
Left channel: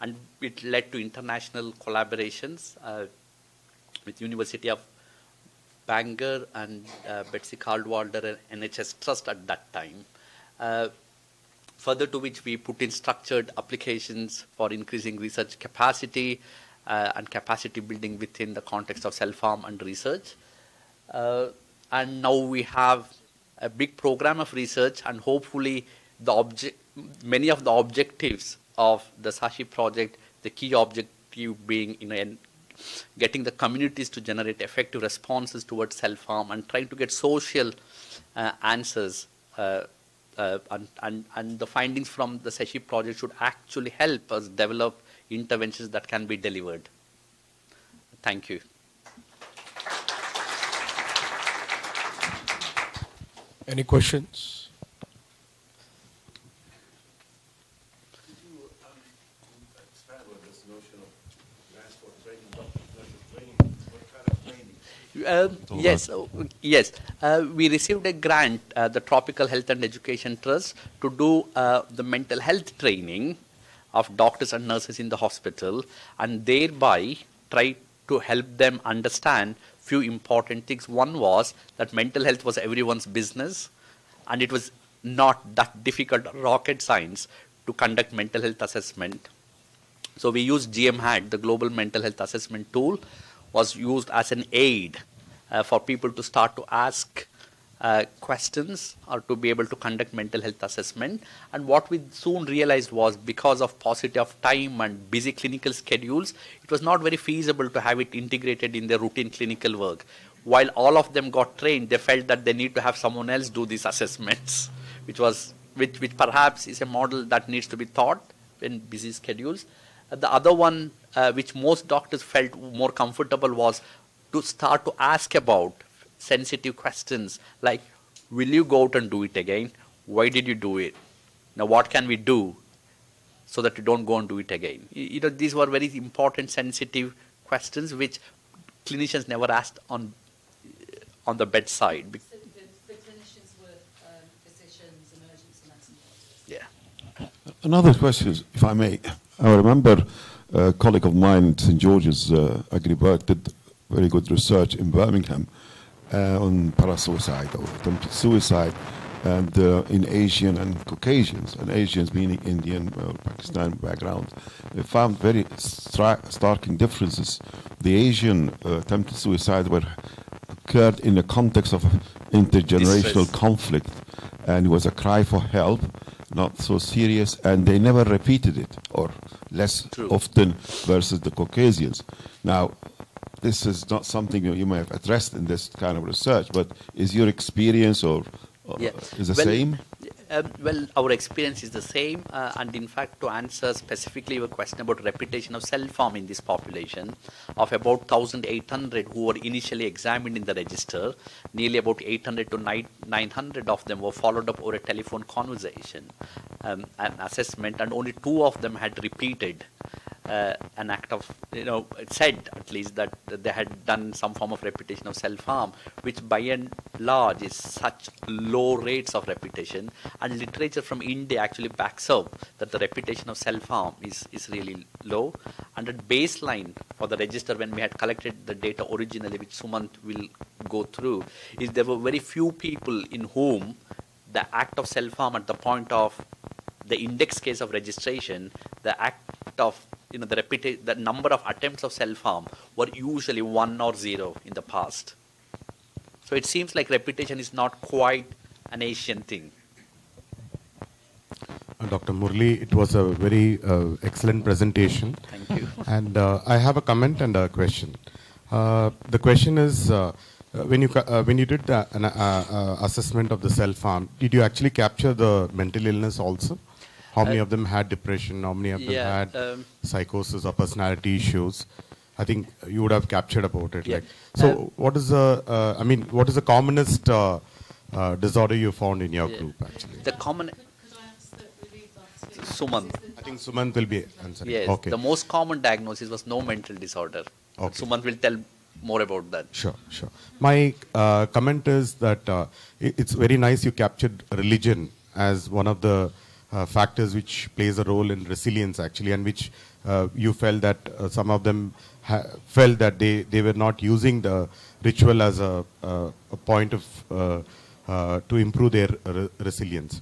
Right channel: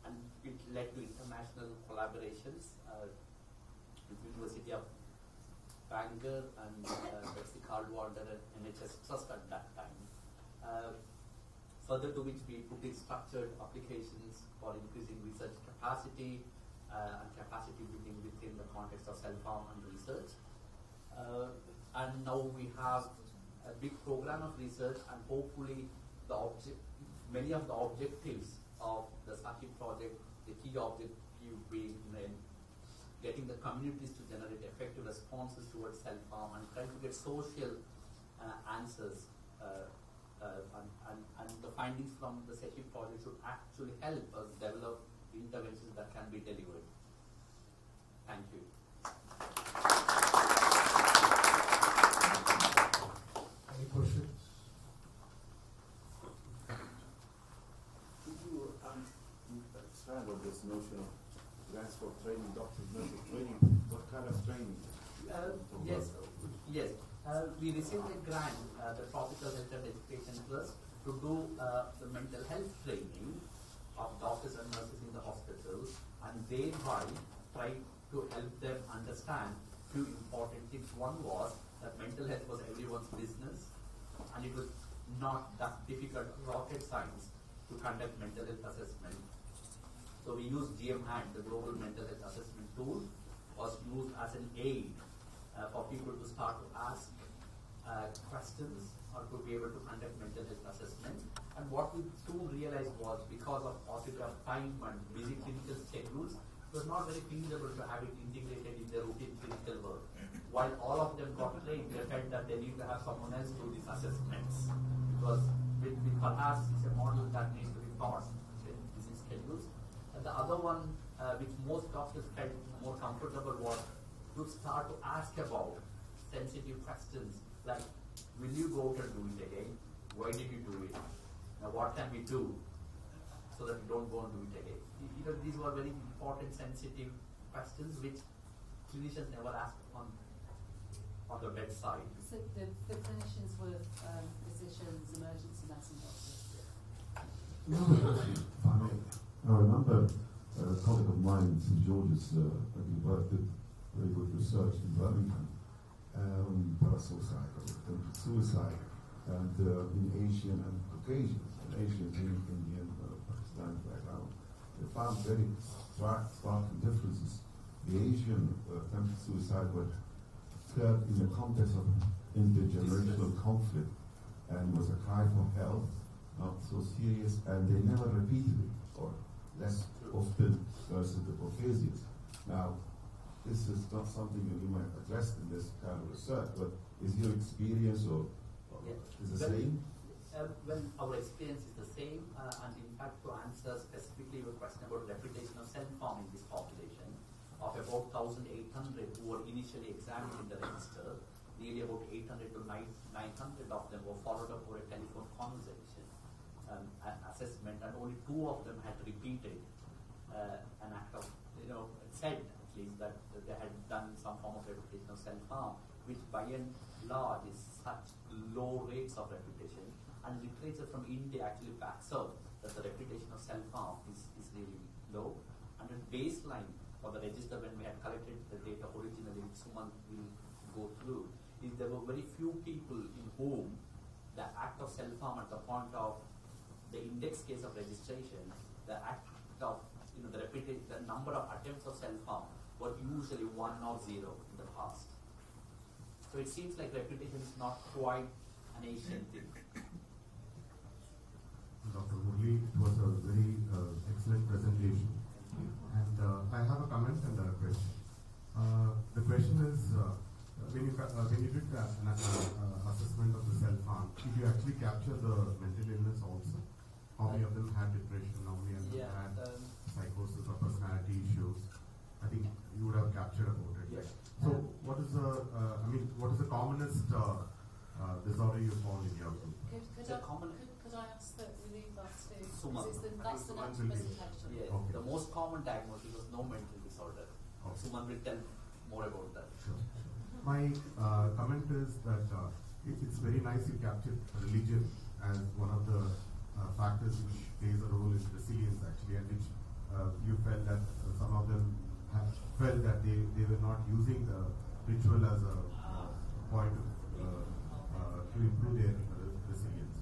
and it led to international collaborations with University of Bangor and Betsy Caldwalder and NHS Trust at that time. Further to which we put in structured applications for increasing research capacity and capacity building within the context of self-harm and research. And now we have a big program of research, and hopefully many of the objectives of the Sashi project, the key objective being getting the communities to generate effective responses towards self-harm and trying to get social answers, and the findings from the Sashi project should actually help us develop interventions that can be delivered. Thank you. Any questions? Could you expand on this notion of grants for training doctors, nurses, training? What kind of training? Yes. We received a grant, the Tropical Health and Education Trust, to do the mental health training of doctors and nurses in the hospital, and thereby try to help them understand few important things. One was that mental health was everyone's business, and it was not that difficult rocket science to conduct mental health assessment. So we used GMHAT, the Global Mental Health Assessment tool, was used as an aid for people to start to ask questions or to be able to conduct mental health assessment. And what we soon realized was, because of paucity of time and busy clinical schedules, it was not very feasible to have it integrated in their routine clinical work. While all of them got trained, they felt that they need to have someone else do these assessments, which perhaps is a model that needs to be taught in busy schedules. The other one, which most doctors felt more comfortable, was to start to ask about sensitive questions like, will you go out and do it again? Why did you do it? Now what can we do so that you don't go and do it again? These were very important, sensitive questions which clinicians never asked on the bedside. So the clinicians were physicians, emergency medicine doctors. Yeah. Another question, if I may. I remember a colleague of mine at St. George's Agriberg did very good research in Birmingham on parasuicide or attempted suicide, and in Asian and Caucasians, and Asians meaning Indian or Pakistani background. They found very stark differences. The Asian attempted suicide occurred in the context of intergenerational conflict, and it was a cry for help, not so serious, and they never repeated it, or less often, versus the Caucasians. Now, this is not something you may have addressed in this kind of research, but is your experience or is the same? Well, our experience is the same, and in fact, to answer specifically your question about repetition of self-harm in this population, of about 1,800 who were initially examined in the register, nearly about 800 to 900 of them were followed up over a telephone conversation, an assessment, and only 2 of them had repeated an act of, it said at least that they had done some form of repetition of self-harm, which by and large is such low rates of repetition. And literature from India actually backs up that the repetition of self-harm is really low. And at baseline for the register, when we had collected the data originally, which Sumant will go through, is there were very few people in whom the act of self-harm at the point of the index case of registration, the act of the number of attempts of self-harm were usually 1 or 0 in the past. So it seems like repetition is not quite an Asian thing. Dr. Murli, it was a very excellent presentation. Thank you. And I have a comment and a question. The question is, when you did an assessment of the self-harm, did you actually capture the mental illness also? How many of them had depression? How many of them had psychosis or personality issues? I think you would have captured about it. Yeah. So, what is the? What is the commonest disorder you found in your group? Actually, the common. Sumant. I think Sumant will be answering. Yes. Okay. The most common diagnosis was no mental disorder. Okay. Sumant will tell more about that. Sure. My comment is that it's very nice you captured religion as one of the factors which plays a role in resilience actually, and which you felt that some of them felt that they were not using the ritual as a point of to improve their resilience.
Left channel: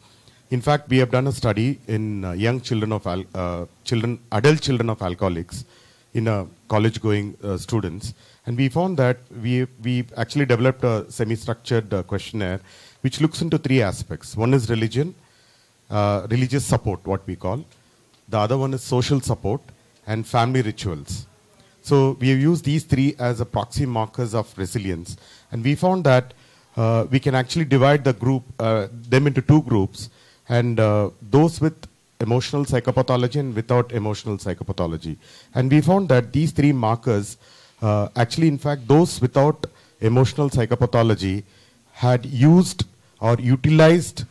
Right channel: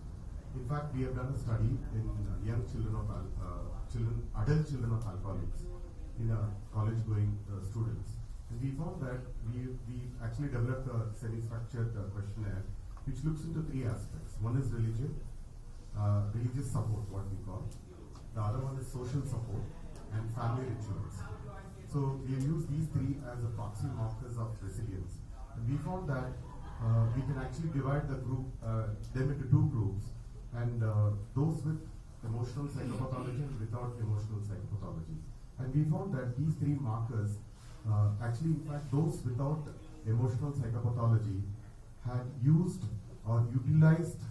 In fact, we have done a study in young children of adult children of alcoholics in college-going students, and we found that we actually developed a semi-structured questionnaire which looks into 3 aspects. One is religion, religious support, what we call. The other one is social support and family rituals. So we have used these 3 as a proxy markers of resilience, and we found that we can actually divide the group them into 2 groups, and those with emotional psychopathology and without emotional psychopathology. And we found that these 3 markers actually, in fact, those without emotional psychopathology had used or utilized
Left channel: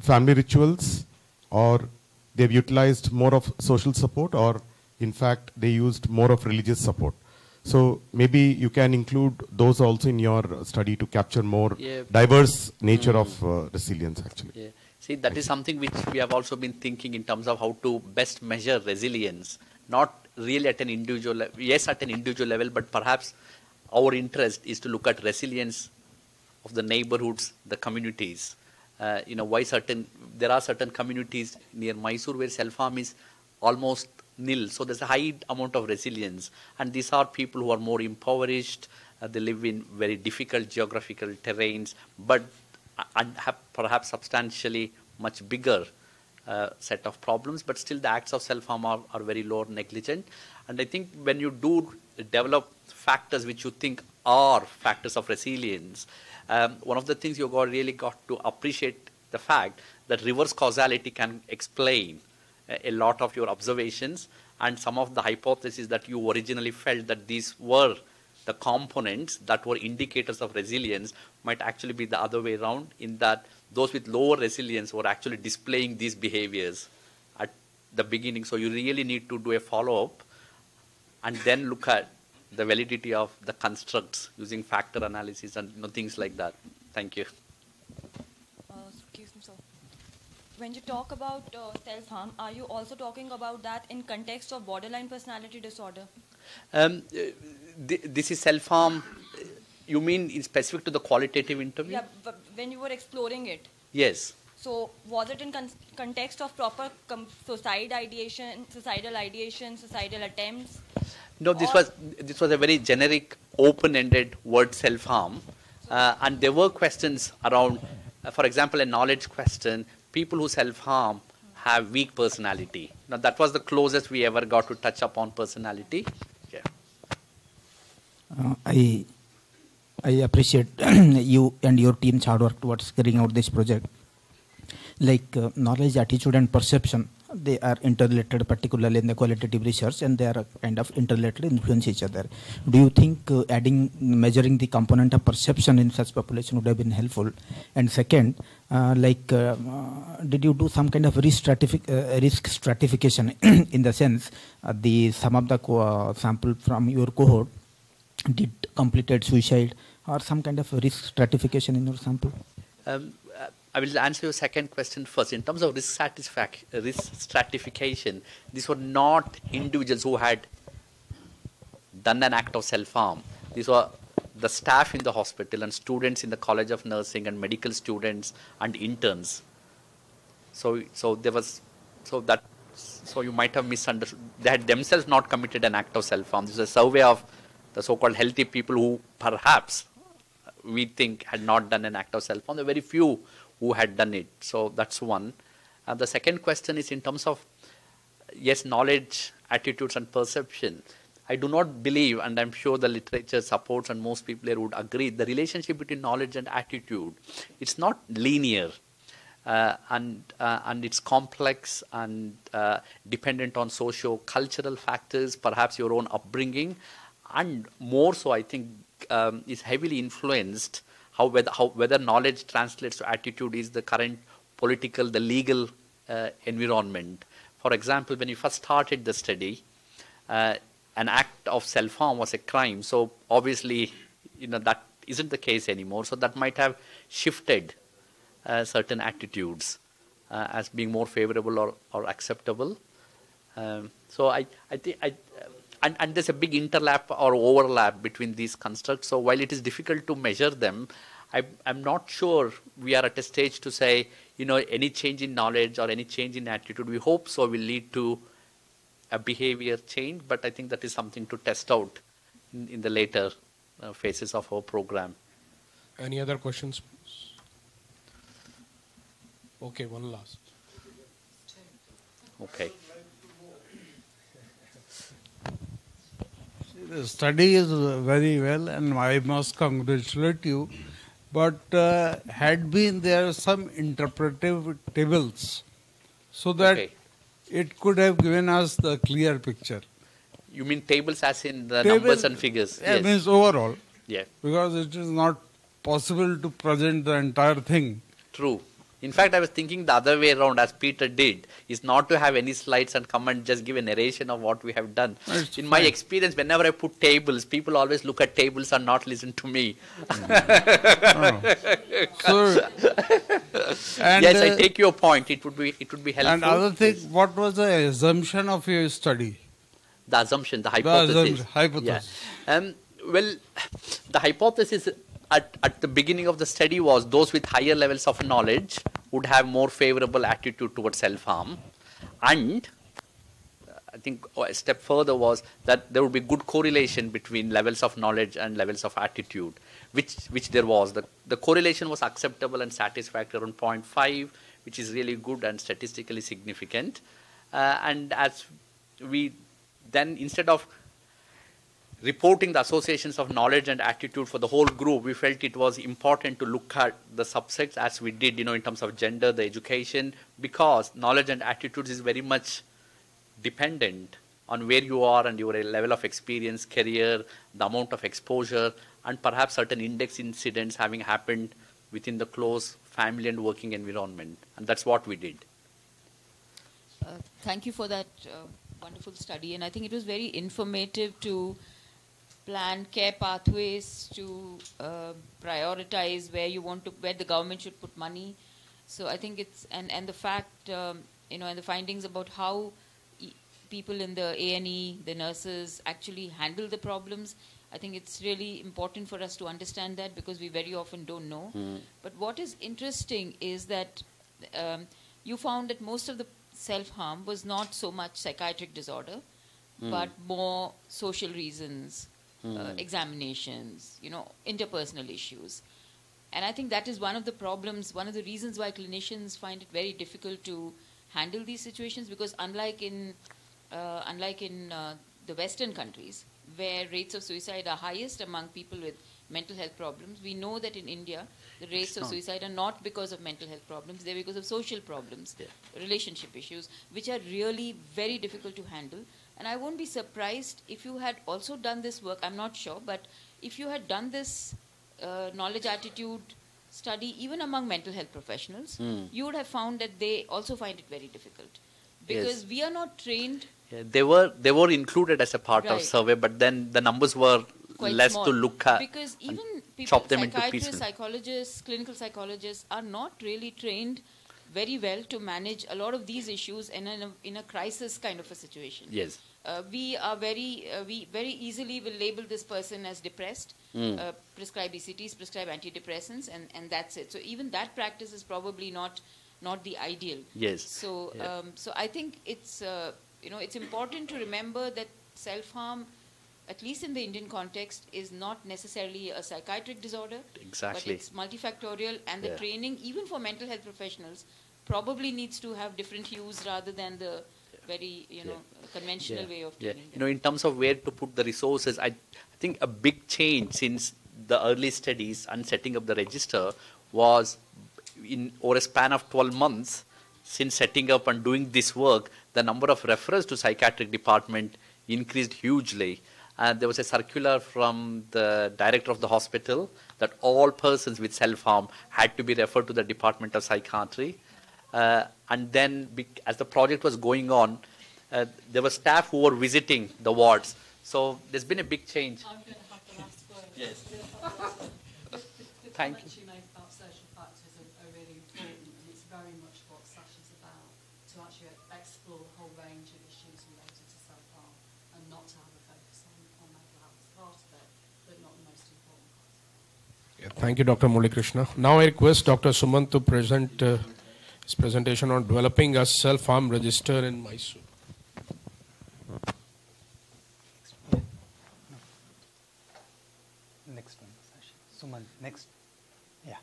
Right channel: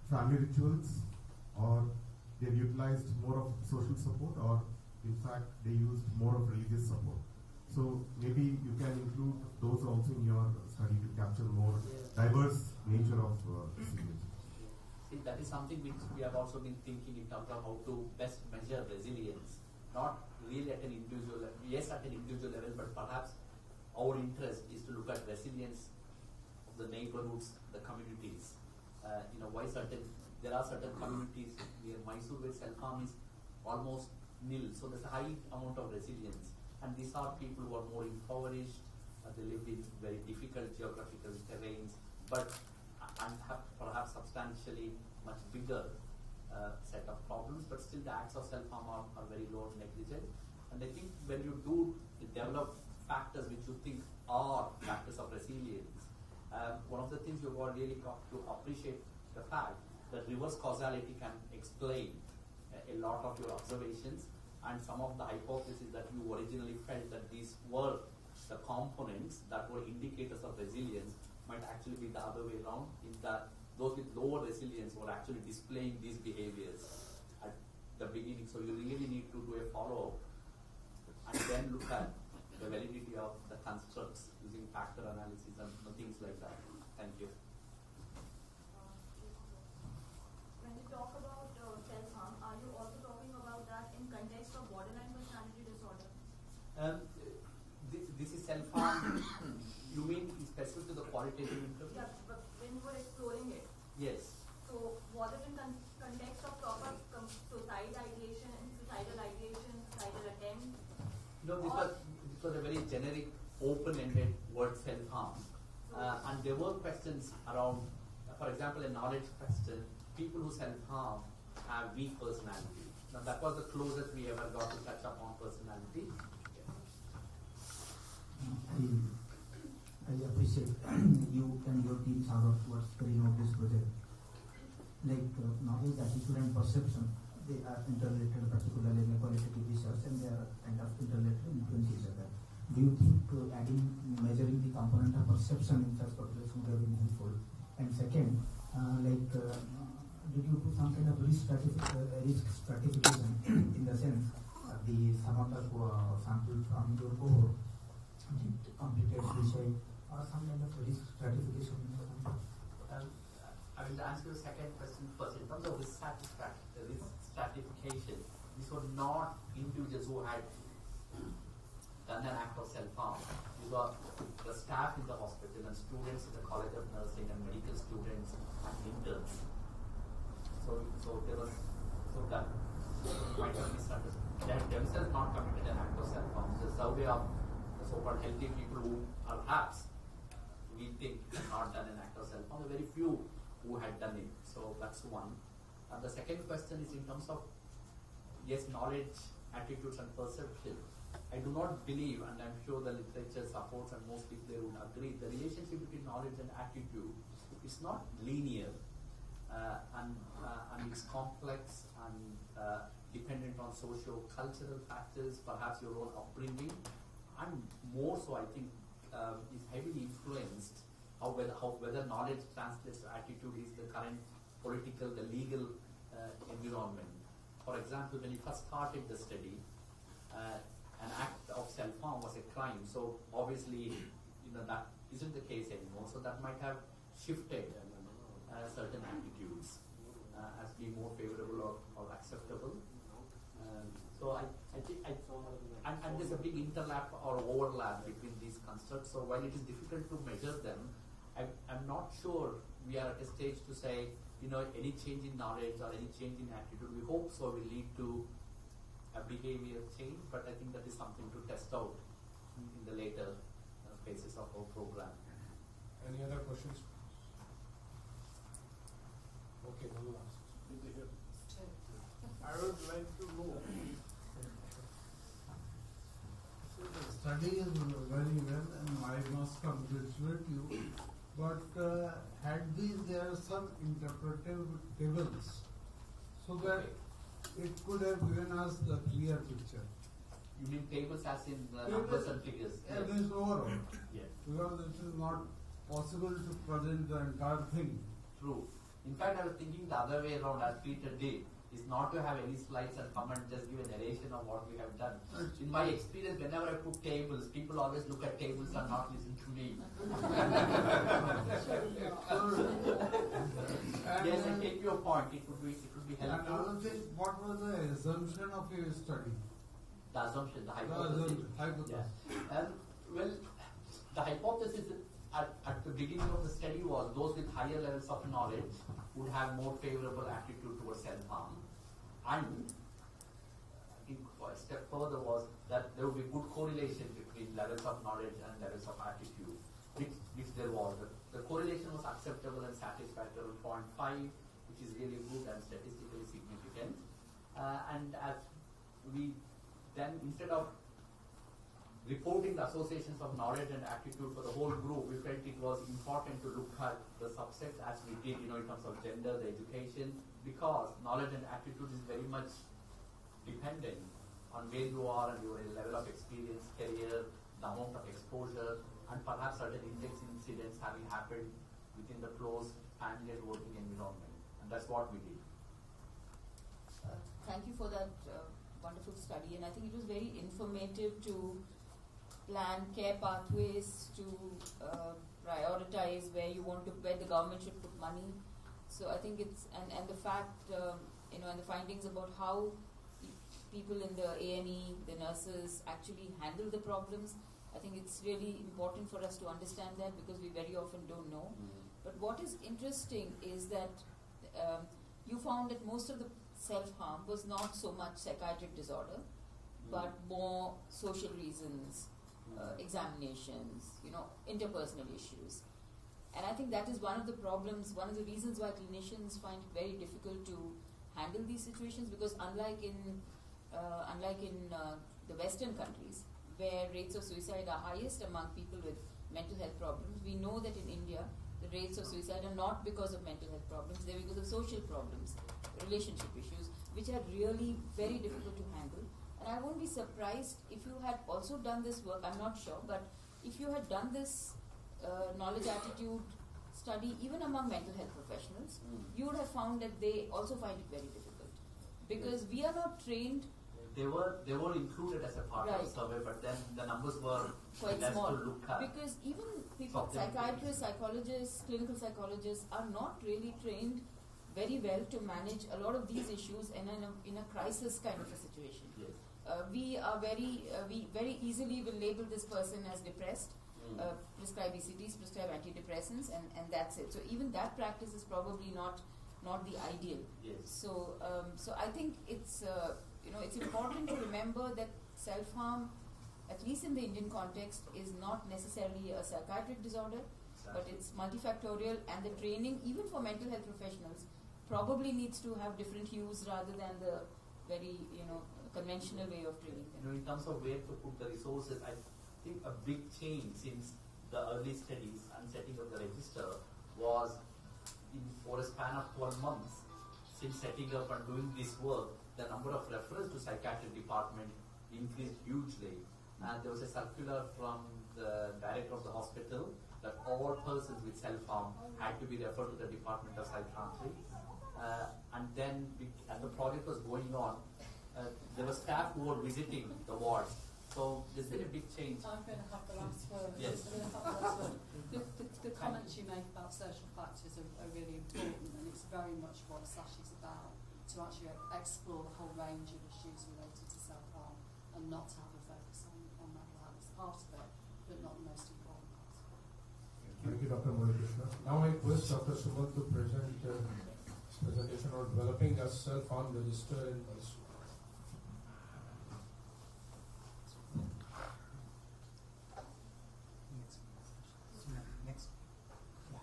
family rituals, or they've utilized more of social support, or in fact they used more of religious support. So maybe you can include those also in your study to capture more diverse nature of resilience actually. Yeah. See, that is something which we have also been thinking in terms of how to best measure resilience, not really at an individual level, yes, at an individual level, but perhaps our interest is to look at resilience of the neighborhoods, the communities. Why there are certain communities near Mysore where self-harm is almost nil. So there's a high amount of resilience. And these are people who are more impoverished. They live in very difficult geographical terrains, but have perhaps substantially much bigger set of problems. But still the acts of self-harm are very low or negligent. And I think when you do develop factors which you think are factors of resilience, one of the things you really got to appreciate the fact that reverse causality can explain a lot of your observations, and some of the hypotheses that you originally felt that these were the components that were indicators of resilience might actually be the other way around, in that those with lower resilience were actually displaying these behaviors at the beginning. So you really need to do a follow-up and then look at the validity of the constructs using factor analysis and things like that. Thank you. Excuse me, sir. When you talk about self-harm, are you also talking about that in context of borderline personality disorder? This is self-harm. You mean in specific to the qualitative interview? Yeah, but when you were exploring it. Yes. So was it in context of proper suicidal ideation, suicidal attempts? No, this was a very generic, open-ended word, self-harm, and there were questions around, for example, a knowledge question. People who self-harm have weak personality. Now that was the closest we ever got to touch upon personality. I appreciate you and your team's hard work towards carrying out this project. Like knowledge, attitude, and perception, they are interrelated, particularly in the qualitative research, and they are kind of interrelated, influence each other. Do you think measuring the component of perception in such population would have been helpful? And second, did you do some kind of risk stratification in the sense some of the sample from your cohort did completed suicide, or some kind of risk stratification in your sample? I will answer your second question first. In terms of risk stratification, these were not individuals who had done an act of self-harm. These were the staff in the hospital and students in the College of Nursing and medical students and interns. So you might have misunderstood. They had themselves not committed an act of self-harm. This is a survey of the so-called healthy people who perhaps we think had not done an act of self-harm. There were very few who had done it. So that's one. The second question is in terms of, yes, knowledge, attitudes, and perception. I do not believe, and I'm sure the literature supports and most people here would agree, the relationship between knowledge and attitude, it's not linear. And it's complex and dependent on socio-cultural factors, perhaps your own upbringing, and more so, I think, is heavily influenced whether knowledge translates to attitude is the current political, the legal environment. For example, when you first started the study, an act of self-harm was a crime. So obviously, that isn't the case anymore. So that might have shifted certain attitudes as being more favorable or acceptable. So I think and there's a big interlap or overlap between these constructs. So while it is difficult to measure them, I'm not sure we are at a stage to say, any change in knowledge or any change in attitude, we hope so, will lead to a behavior change. But I think that is something to test out in the later phases of our program. Any other questions? Okay, one last. Okay. The study is very well, and I must congratulate you. But had been there some interpretive tables, so that it could have given us the clear picture. You mean tables as in the numbers and figures? Yeah, yes. Means overall. Yeah. Because it is not possible to present the entire thing. True. In fact, I was thinking the other way around, as Peter did, is not to have any slides and come and just give a narration of what we have done. In my experience, whenever I put tables, people always look at tables and not listen to me. Yes, I take your point. It would be helpful. And other thing, what was the assumption of your study? The assumption, the hypothesis. Hypothesis. Yeah. Well, the hypothesis at the beginning of the study was those with higher levels of knowledge would have more favorable attitude towards self-harm. And I think a step further was that there would be good correlation between levels of knowledge and levels of attitude, which there was. The correlation was acceptable and satisfactory around 0.5, which is really good and statistically significant. And as we then, instead of reporting the associations of knowledge and attitude for the whole group, we felt it was important to look at the subsets as we did, in terms of gender, the education, because knowledge and attitudes is very much dependent on where you are and your level of experience, career, the amount of exposure, and perhaps certain index incidents having happened within the close family and working environment. And that's what we did. Thank you for that wonderful study. And I think it was very informative to plan care pathways, to prioritize where the government should put money. So I think it's, and the fact, and the findings about how people in the A&E, the nurses, actually handle the problems. I think it's really important for us to understand that, because we very often don't know. But what is interesting is that you found that most of the self-harm was not so much psychiatric disorder, but more social reasons, examinations, interpersonal issues. And I think that is one of the problems, one of the reasons why clinicians find it very difficult to handle these situations, because unlike in the Western countries, where rates of suicide are highest among people with mental health problems, we know that in India, the rates of suicide are not because of mental health problems, they're because of social problems, relationship issues, which are really very difficult to handle. And I won't be surprised if you had also done this work, I'm not sure, but if you had done this knowledge attitude study even among mental health professionals, you would have found that they also find it very difficult. Because we are not trained. Yeah, they were included as a part of survey, but then the numbers were quite less small. to look at. Because even people, chop them into psychiatrists, pieces. psychologists, clinical psychologists are not really trained very well to manage a lot of these issues in a crisis kind of a situation. Yes. We very easily will label this person as depressed, prescribe ECTs, prescribe antidepressants, and that's it. So even that practice is probably not the ideal. Yes. So so I think it's it's important to remember that self-harm, at least in the Indian context, is not necessarily a psychiatric disorder. Exactly. But it's multifactorial, and the training, even for mental health professionals, probably needs to have different hues rather than the very conventional way of training. In terms of where to put the resources, I think a big change since the early studies and setting up the register was over a span of 12 months since setting up and doing this work, the number of referrals to psychiatric department increased hugely. And there was a circular from the director of the hospital that all persons with self-harm had to be referred to the Department of Psychiatry. And then as the project was going on, there were staff who were visiting the wards. So there's been a big change. I'm going to have the last word. Yes. The comments you make about social factors are really important, and it's very much what SASH is about, to actually explore the whole range of issues related to self-harm and not to have a focus on mental health as part of it, but not the most important part of it. Yeah, thank you, Dr. Murali Krishna. Now I request Dr. Sumant to present his presentation on developing a self-harm register in Mysore. Next one, Sumant, next. Yeah.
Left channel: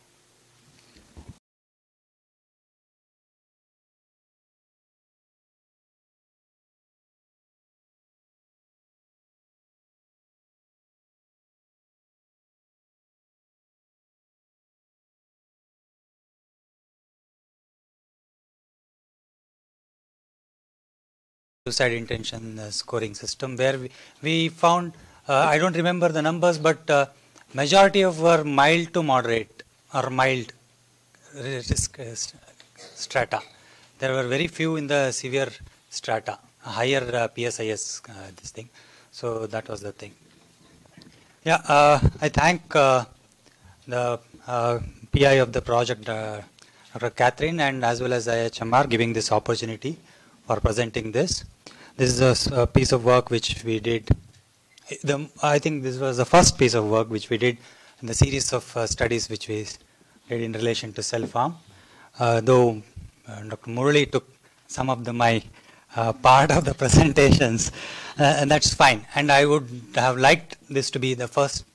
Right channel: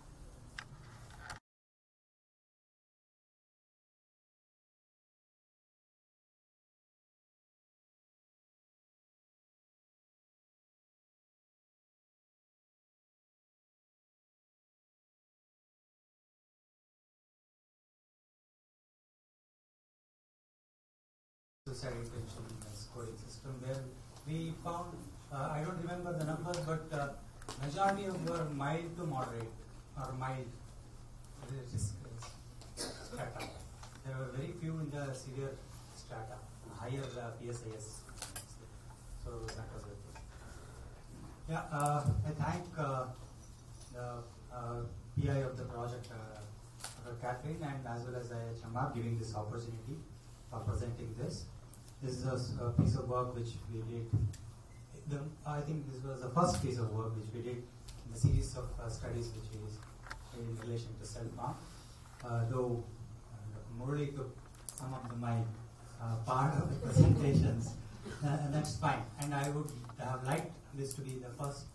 Suicide intention scoring system, where we found, I don't remember the numbers, but majority of were mild to moderate or mild risk strata. There were very few in the severe strata, higher PSIS this thing. So that was the thing. Yeah, I thank the PI of the project, Dr. Catherine, and as well as IHMR giving this opportunity for presenting this. This is a piece of work which we did I think this was the first piece of work which we did in the series of studies which we did in relation to self-harm. Though Dr. Murali took some of my part of the presentations, and that's fine. And I would have liked this to be the first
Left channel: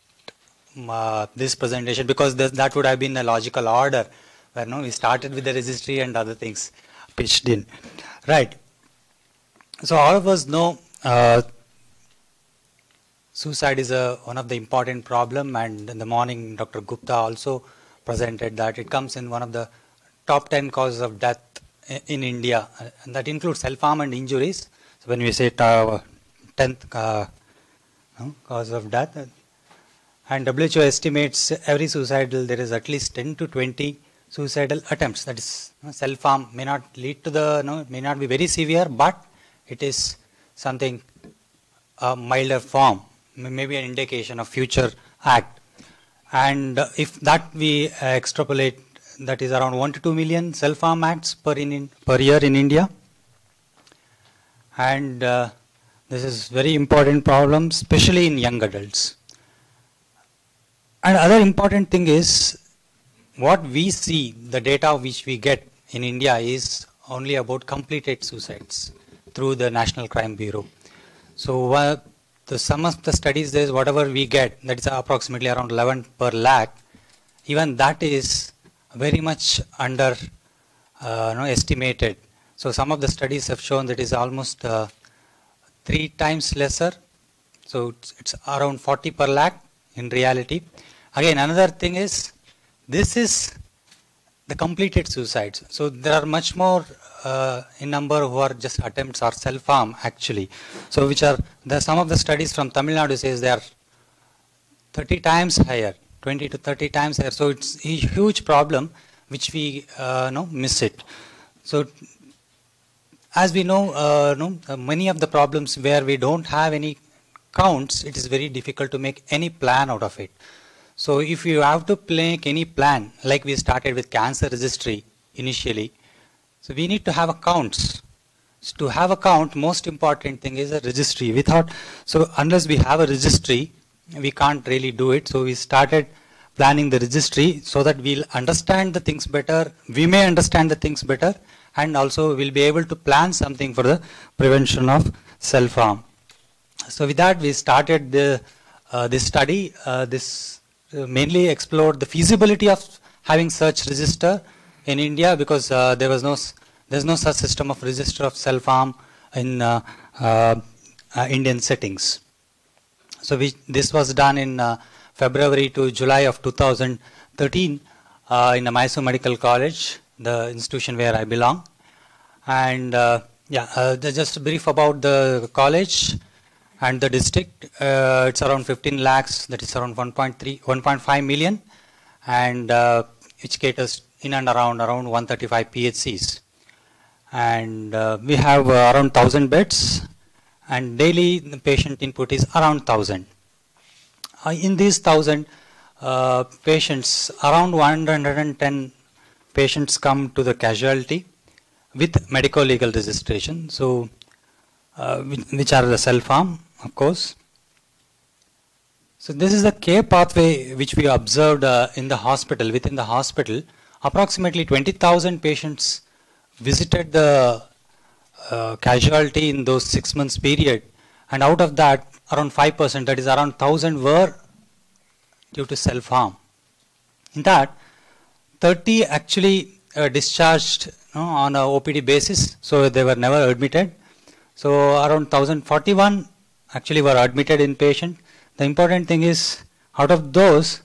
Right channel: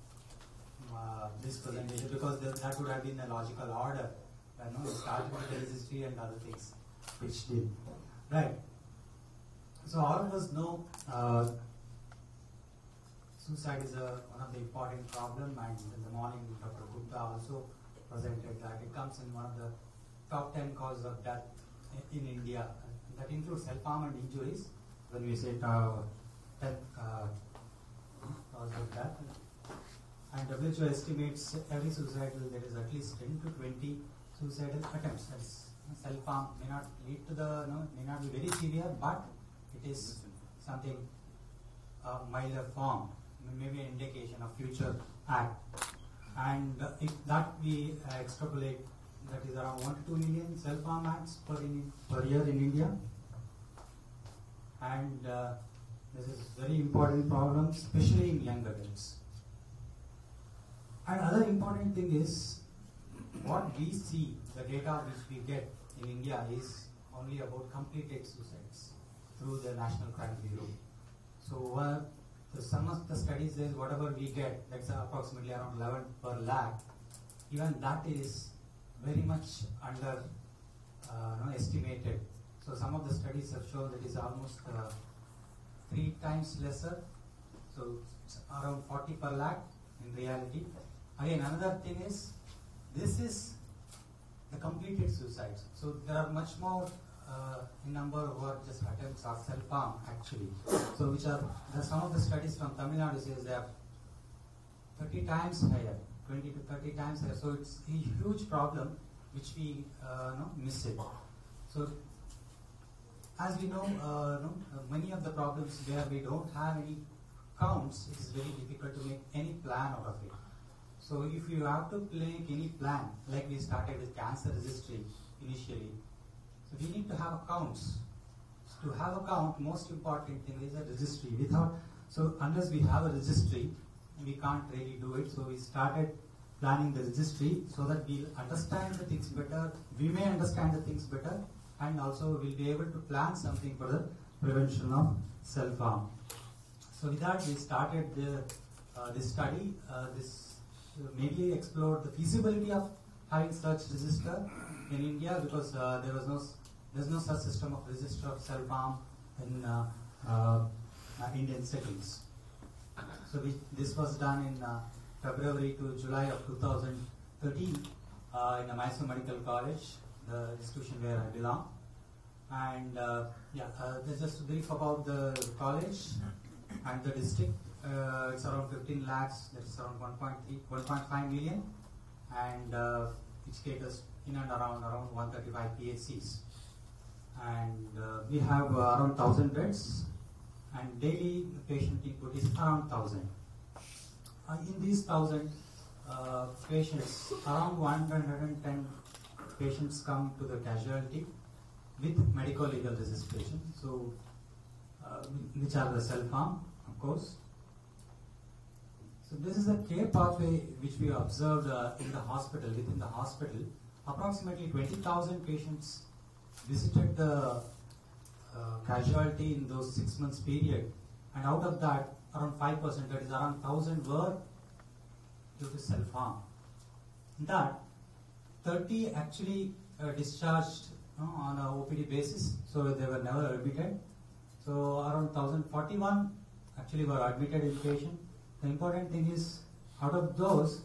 this presentation, because that would have been a logical order, where we started with the registry and other things pitched in. Right. So all of us know suicide is one of the important problem, and in the morning Dr. Gupta also presented that it comes in one of the top 10 causes of death in India, and that includes self-harm and injuries. So when we say 10th cause of death, and WHO estimates every suicidal there is at least 10 to 20 suicidal attempts. That is, self-harm may not lead to may not be very severe, but it is something milder form, maybe an indication of future act. And if that we extrapolate, that is around 1 to 2 million self-harm acts per year in India. And this is very important problem, especially in young adults. And other important thing is, what we see, the data which we get in India is only about completed suicides through the National Crime Bureau. So the sum of the studies is whatever we get, that is approximately around 11 per lakh. Even that is very much under estimated. So some of the studies have shown that is almost 3 times lesser. So it's around 40 per lakh in reality. Again, another thing is, this is the completed suicides. So there are much more in number who are just attempts or self-harm actually. So which are some of the studies from Tamil Nadu says they are 30 times higher, 20 to 30 times higher. So it's a huge problem which we miss it. So as we know, many of the problems where we don't have any counts, it is very difficult to make any plan out of it. So if you have to make any plan, like we started with cancer registry initially, so we need to have accounts. So to have a count, most important thing is a registry. So unless we have a registry, we can't really do it. So we started planning the registry so that we'll understand the things better. We may understand the things better, and also we'll be able to plan something for the prevention of self-harm. So with that, we started this study. This mainly explored the feasibility of having such register in India, because there's no such system of register of self-harm in Indian settings. So this was done in February to July of 2013 in the Mysore Medical College, the institution where I belong. And just a brief about the college and the district. It's around 15 lakhs, that is around 1.5 million, and which caters in and around 135 PHCs. And we have around 1,000 beds, and daily the patient input is around 1,000. In these 1,000 patients, around 110 patients come to the casualty with medico-legal registration, so which are the self-harm, of course. So this is the care pathway which we observed in the hospital. Within the hospital, approximately 20,000 patients visited the casualty in those 6 months period, and out of that, around 5%, that is around 1,000, were due to self-harm. In that, 30 actually discharged on a OPD basis, so they were never admitted. So around 1,041 actually were admitted inpatient. The important thing is, out of those,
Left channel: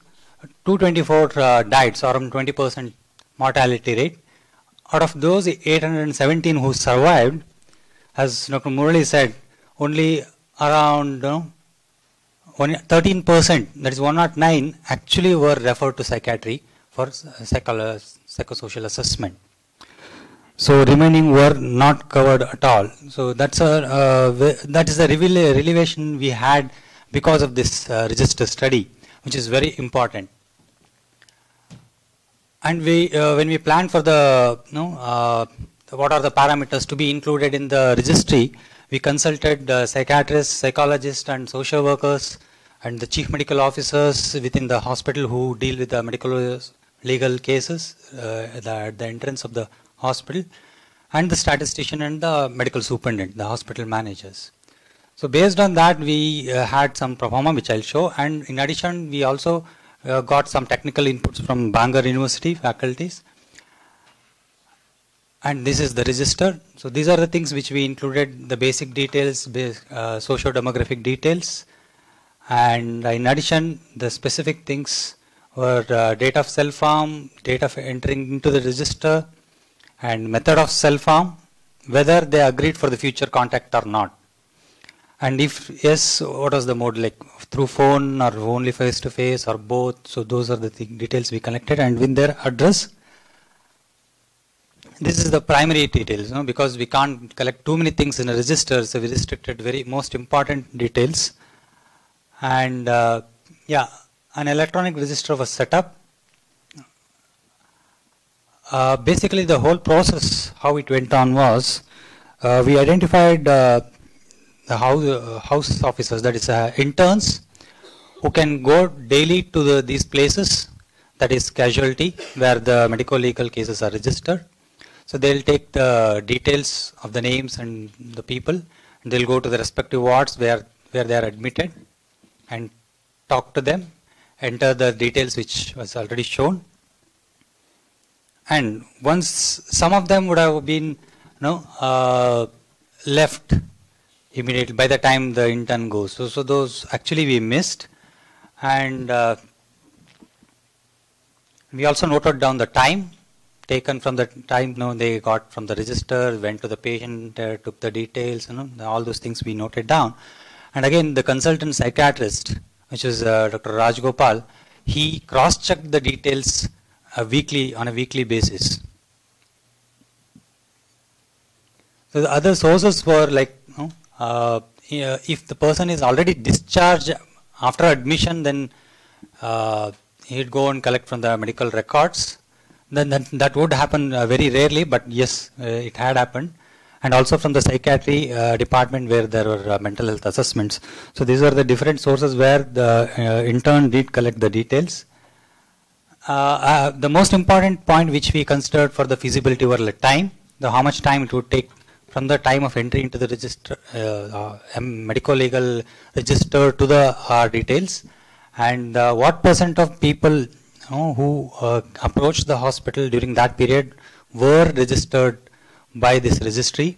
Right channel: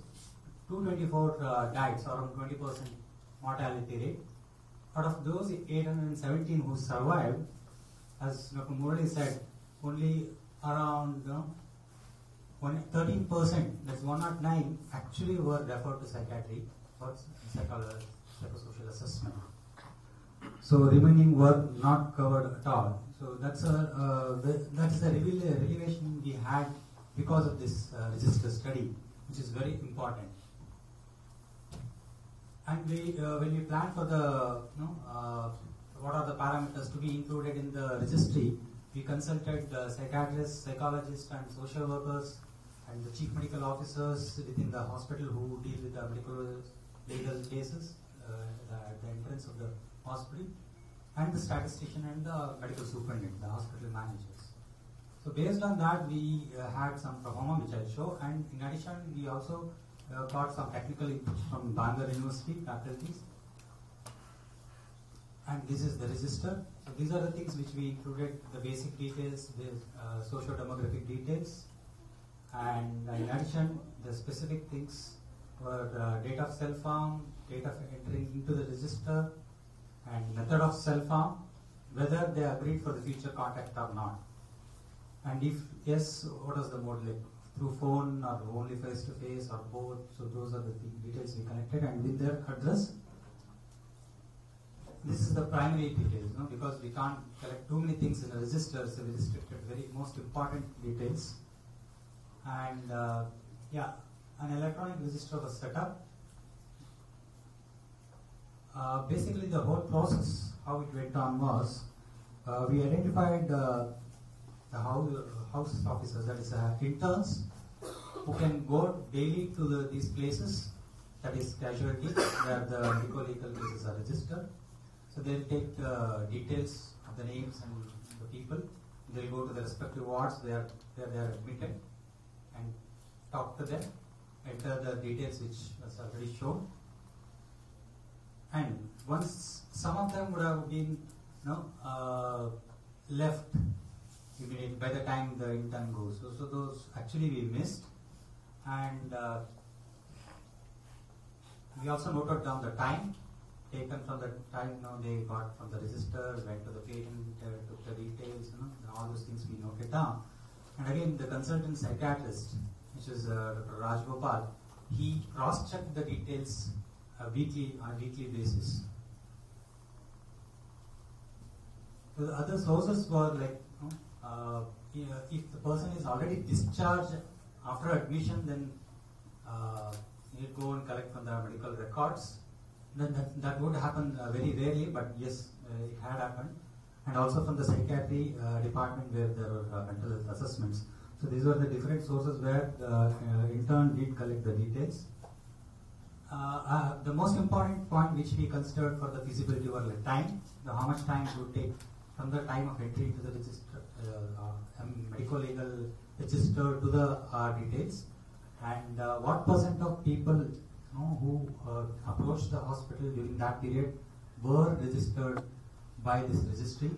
224 died, so around 20% mortality rate. Out of those, 817 who survived, as Dr. Murali said, only around 13%, that is 109, actually were referred to psychiatry for psychosocial assessment. So remaining were not covered at all. So that is the revelation we had because of this register study, which is very important. And when we planned for the what are the parameters to be included in the registry, We consulted psychiatrists, psychologists, and social workers, and the chief medical officers within the hospital who deal with the medical legal cases at the entrance of the hospital, and the statistician and the medical superintendent, the hospital managers. So based on that, we had some pro forma, which I'll show, and in addition, we also got some technical inputs from Bangor University faculties. And this is the register. So these are the things which we included, the basic details, socio-demographic details. And in addition, the specific things were date of self-harm, date of entering into the register, and method of self-harm, whether they agreed for the future contact or not. And if yes, what was the mode, like through phone or only face-to-face or both. So those are the details we collected, and with their address. This is the primary details, because we can't collect too many things in a register, so we restricted very most important details. And yeah, an electronic register was set up. Basically, the whole process, how it went on was, we identified the house officers, that is interns, who can go daily to these places, that is casualty, where the medical legal cases are registered. So they'll take the details of the names and the people, and they'll go to the respective wards where they are admitted and talk to them, enter the details which was already shown. And once some of them would have been left immediately by the time the intern goes. So those actually we missed. And we also noted down the time taken from the time they got from the register, went to the patient, took the details, all those things we noted down. And again, the consultant psychiatrist, which is Dr. Rajgopal, he cross-checked the details on a weekly basis. So the other sources were like, if the person is already discharged after admission, then he'd go and collect from the medical records. Then that would happen very rarely, but yes, it had happened. And also from the psychiatry department where there were mental health assessments. So these are the different sources where the intern did collect the details. The most important point which we considered for the feasibility were like time, how much time it would take from the time of entry into the register, medical legal register to the details, and what % of people who approached the hospital during that period were registered by this registry,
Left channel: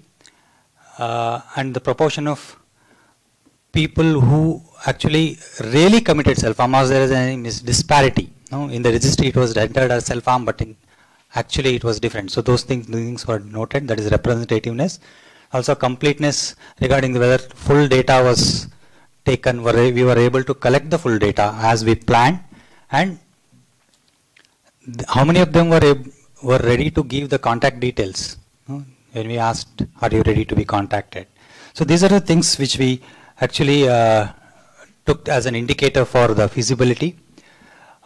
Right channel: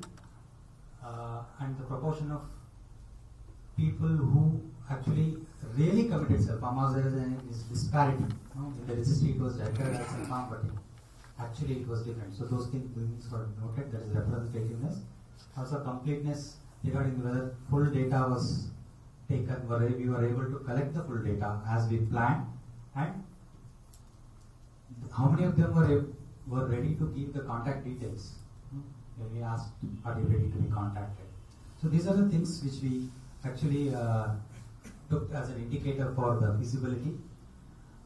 and the proportion of people who actually really committed self-harm, as there is a disparity. In the registry it was entered as self-harm, but actually it was different. So those things were noted, that is representativeness. Also completeness regarding whether full data was taken, we were able to collect the full data as we planned, and how many of them were ready to give the contact details when we asked, are you ready to be contacted? So these are the things which we actually took as an indicator for the feasibility.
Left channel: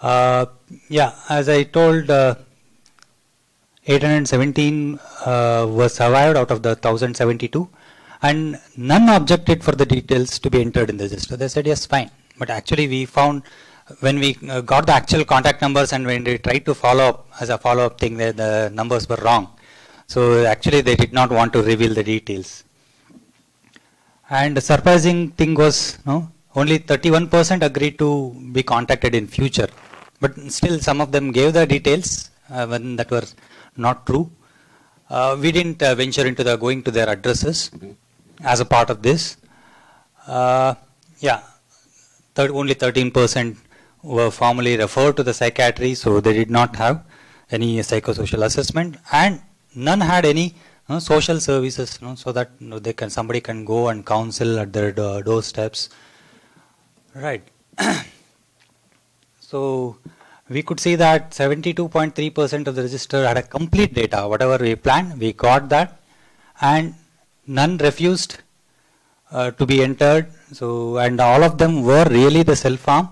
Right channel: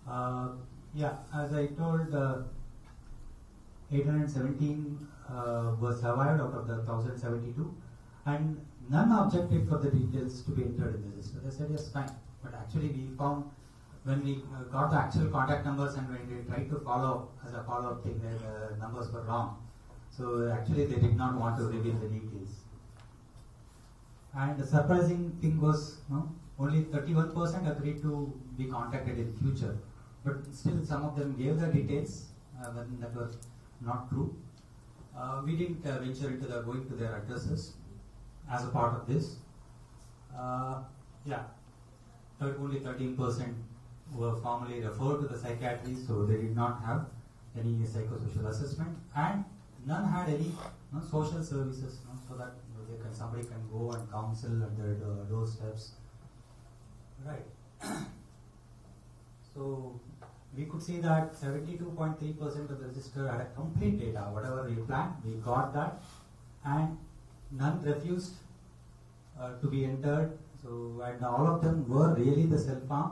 Yeah, as I told, 817 were survived out of the 1072, and none objected for the details to be entered in the register. They said yes, fine. But actually we found, when we got the actual contact numbers and when they tried to follow up as a follow-up thing, the numbers were wrong. So actually they did not want to reveal the details. And the surprising thing was, only 31% agreed to be contacted in future. But still some of them gave the details when that were not true. We didn't venture into going to their addresses as a part of this. Yeah, only 13% were formally referred to the psychiatry, so they did not have any psychosocial assessment, and none had any social services, so that somebody can go and counsel at their doorsteps. Right. So we could see that 72.3% of the register had a complete data. Whatever we planned, we got that, and none refused to be entered. So, and all of them were really the self-harm.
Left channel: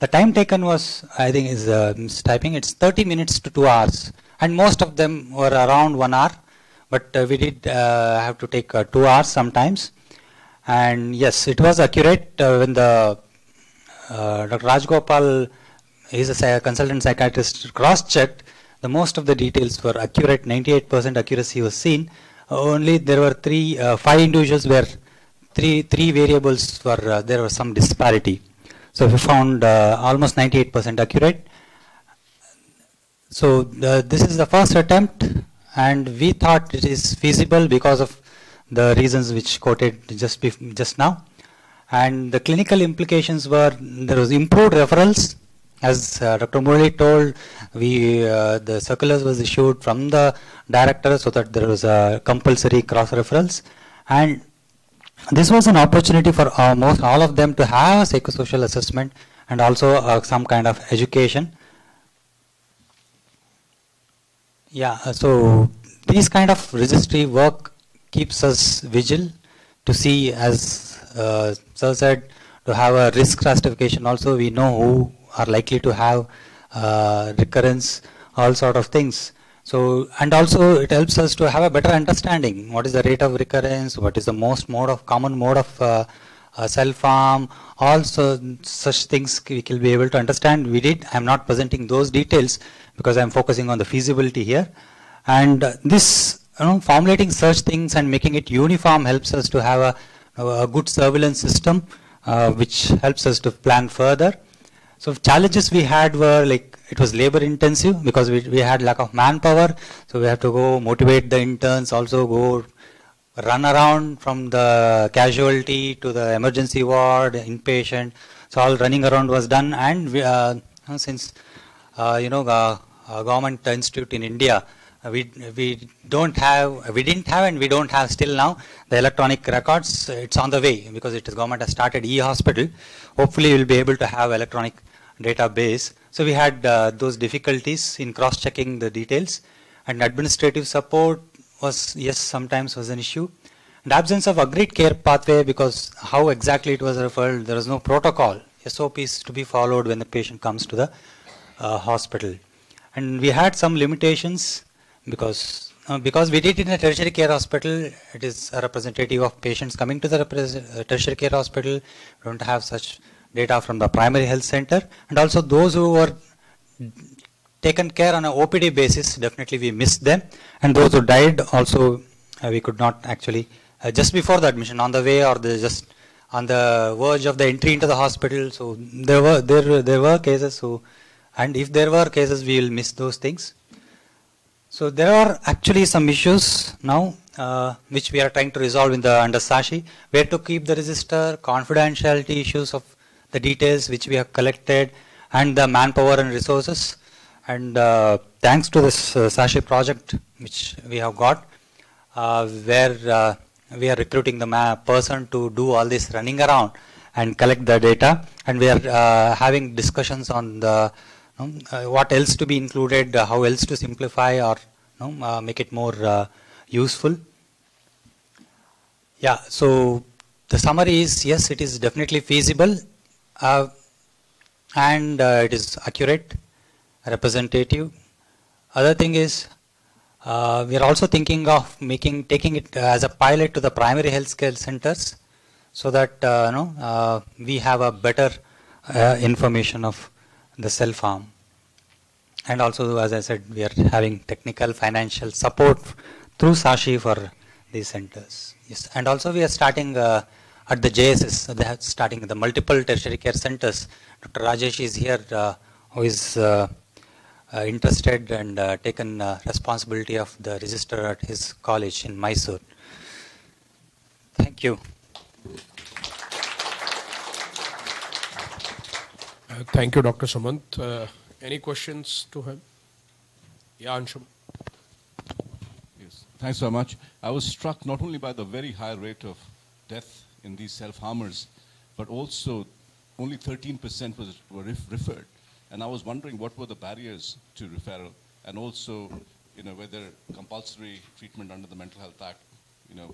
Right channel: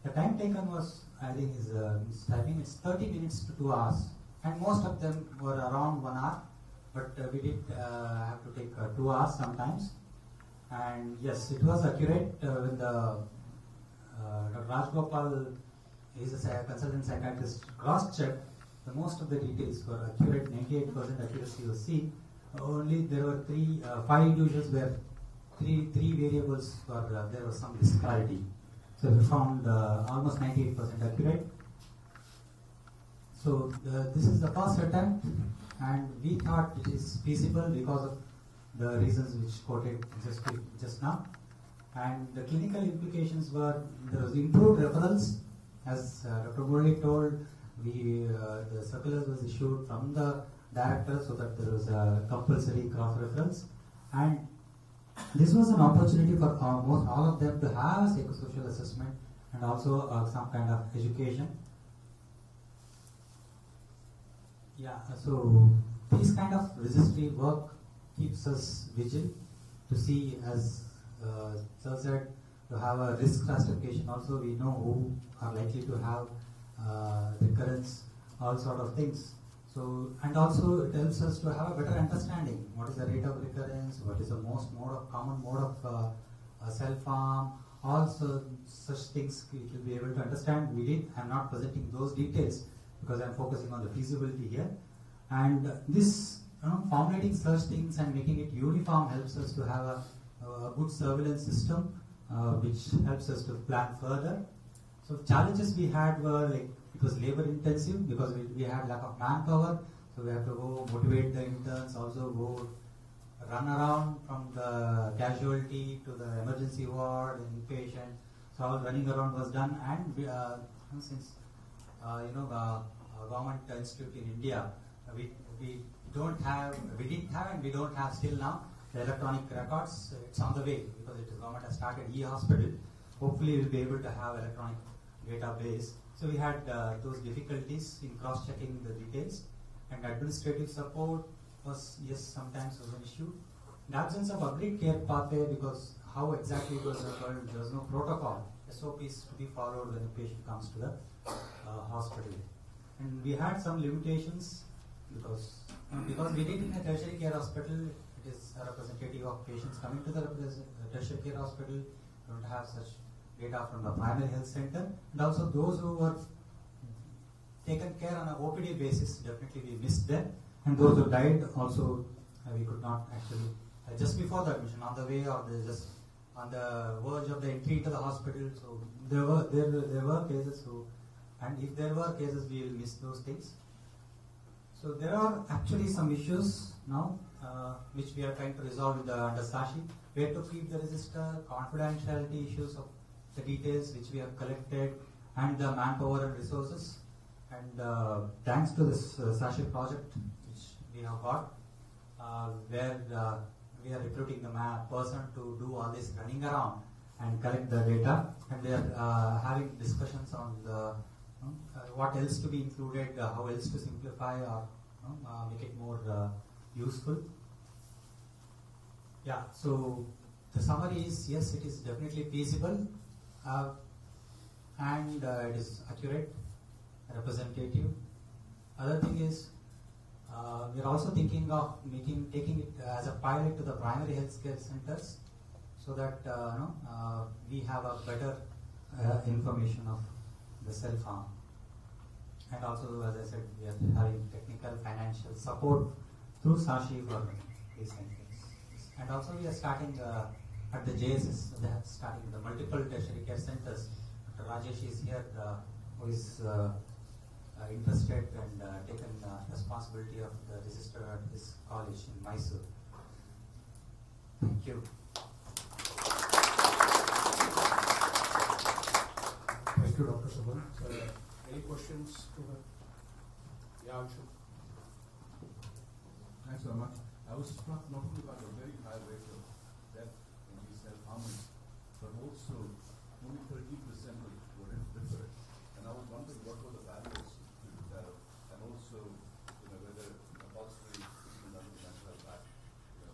The time taken was, I think is typing, it's 30 minutes to 2 hours. And most of them were around 1 hour. but we did have to take 2 hours sometimes. And yes, it was accurate when the Dr. Rajgopal, he's a consultant psychiatrist, cross-checked. The most of the details were accurate. 98% accuracy was seen. Only there were 5 individuals where three variables were there was some disparity. So we found almost 98% accurate. So this is the first attempt, and we thought it is feasible because of the reasons which quoted just now. And the clinical implications were there was improved referrals. As Dr. Murali told, the circulars was issued from the director so that there was a compulsory cross referrals, and this was an opportunity for almost all of them to have a psychosocial assessment and also some kind of education. Yeah, so these kind of registry work keeps us vigilant to see, as Sir said, to have a risk stratification. Also, we know who are likely to have recurrence, all sort of things. So, and also it helps us to have a better understanding. What is the rate of recurrence? What is the common mode of self-harm? Also, such things we will be able to understand. I'm not presenting those details because I'm focusing on the feasibility here. And this, formulating such things and making it uniform helps us to have a good surveillance system, which helps us to plan further. So challenges we had were like, it was labor intensive because we had lack of manpower. So we have to go motivate the interns, also go run around from the casualty to the emergency ward, inpatient. So all running around was done. And we, since, government institute in India, we didn't have and we don't have still now the electronic records. It's on the way because government has started e-hospital. Hopefully we'll be able to have electronic database. So we had those difficulties in cross-checking the details, and administrative support sometimes was an issue. And absence of agreed care pathway, because how exactly it was referred, there was no protocol, SOPs to be followed when the patient comes to the hospital. And we had some limitations because we did it in a tertiary care hospital. It is a representative of patients coming to the tertiary care hospital. We don't have such data from the primary health center, and also those who were taken care on an OPD basis, definitely we missed them, and those who died also we could not actually just before the admission, on the way or just on the verge of the entry into the hospital. So there were cases. So, and if there were cases, we will miss those things. So there are actually some issues now which we are trying to resolve under SASHI, where to keep the register, confidentiality issues of the details which we have collected, and the manpower and resources. And thanks to this SASHI project which we have got, where we are recruiting the person to do all this running around and collect the data, and we are having discussions on the what else to be included, how else to simplify or make it more useful. Yeah, so the summary is, yes, it is definitely feasible, and it is accurate, representative. Other thing is, we are also thinking of taking it as a pilot to the primary health care centers, so that we have a better information of the self-harm. And also, as I said, we are having technical financial support through SASHI for these centers. Yes. And also we are starting at the JSS, they are starting the multiple tertiary care centers. Dr. Rajesh is here, who is interested and taken responsibility of the register at his college in Mysore. Thank you. Thank you, Dr. Sumant. Any questions to him? Yeah, Anshum. Yes, thanks so much. I was struck not only by the very high rate of death in these self-harmers, but also only 13% were referred. And I was wondering what were the barriers to referral, and also, whether compulsory treatment under the Mental Health Act,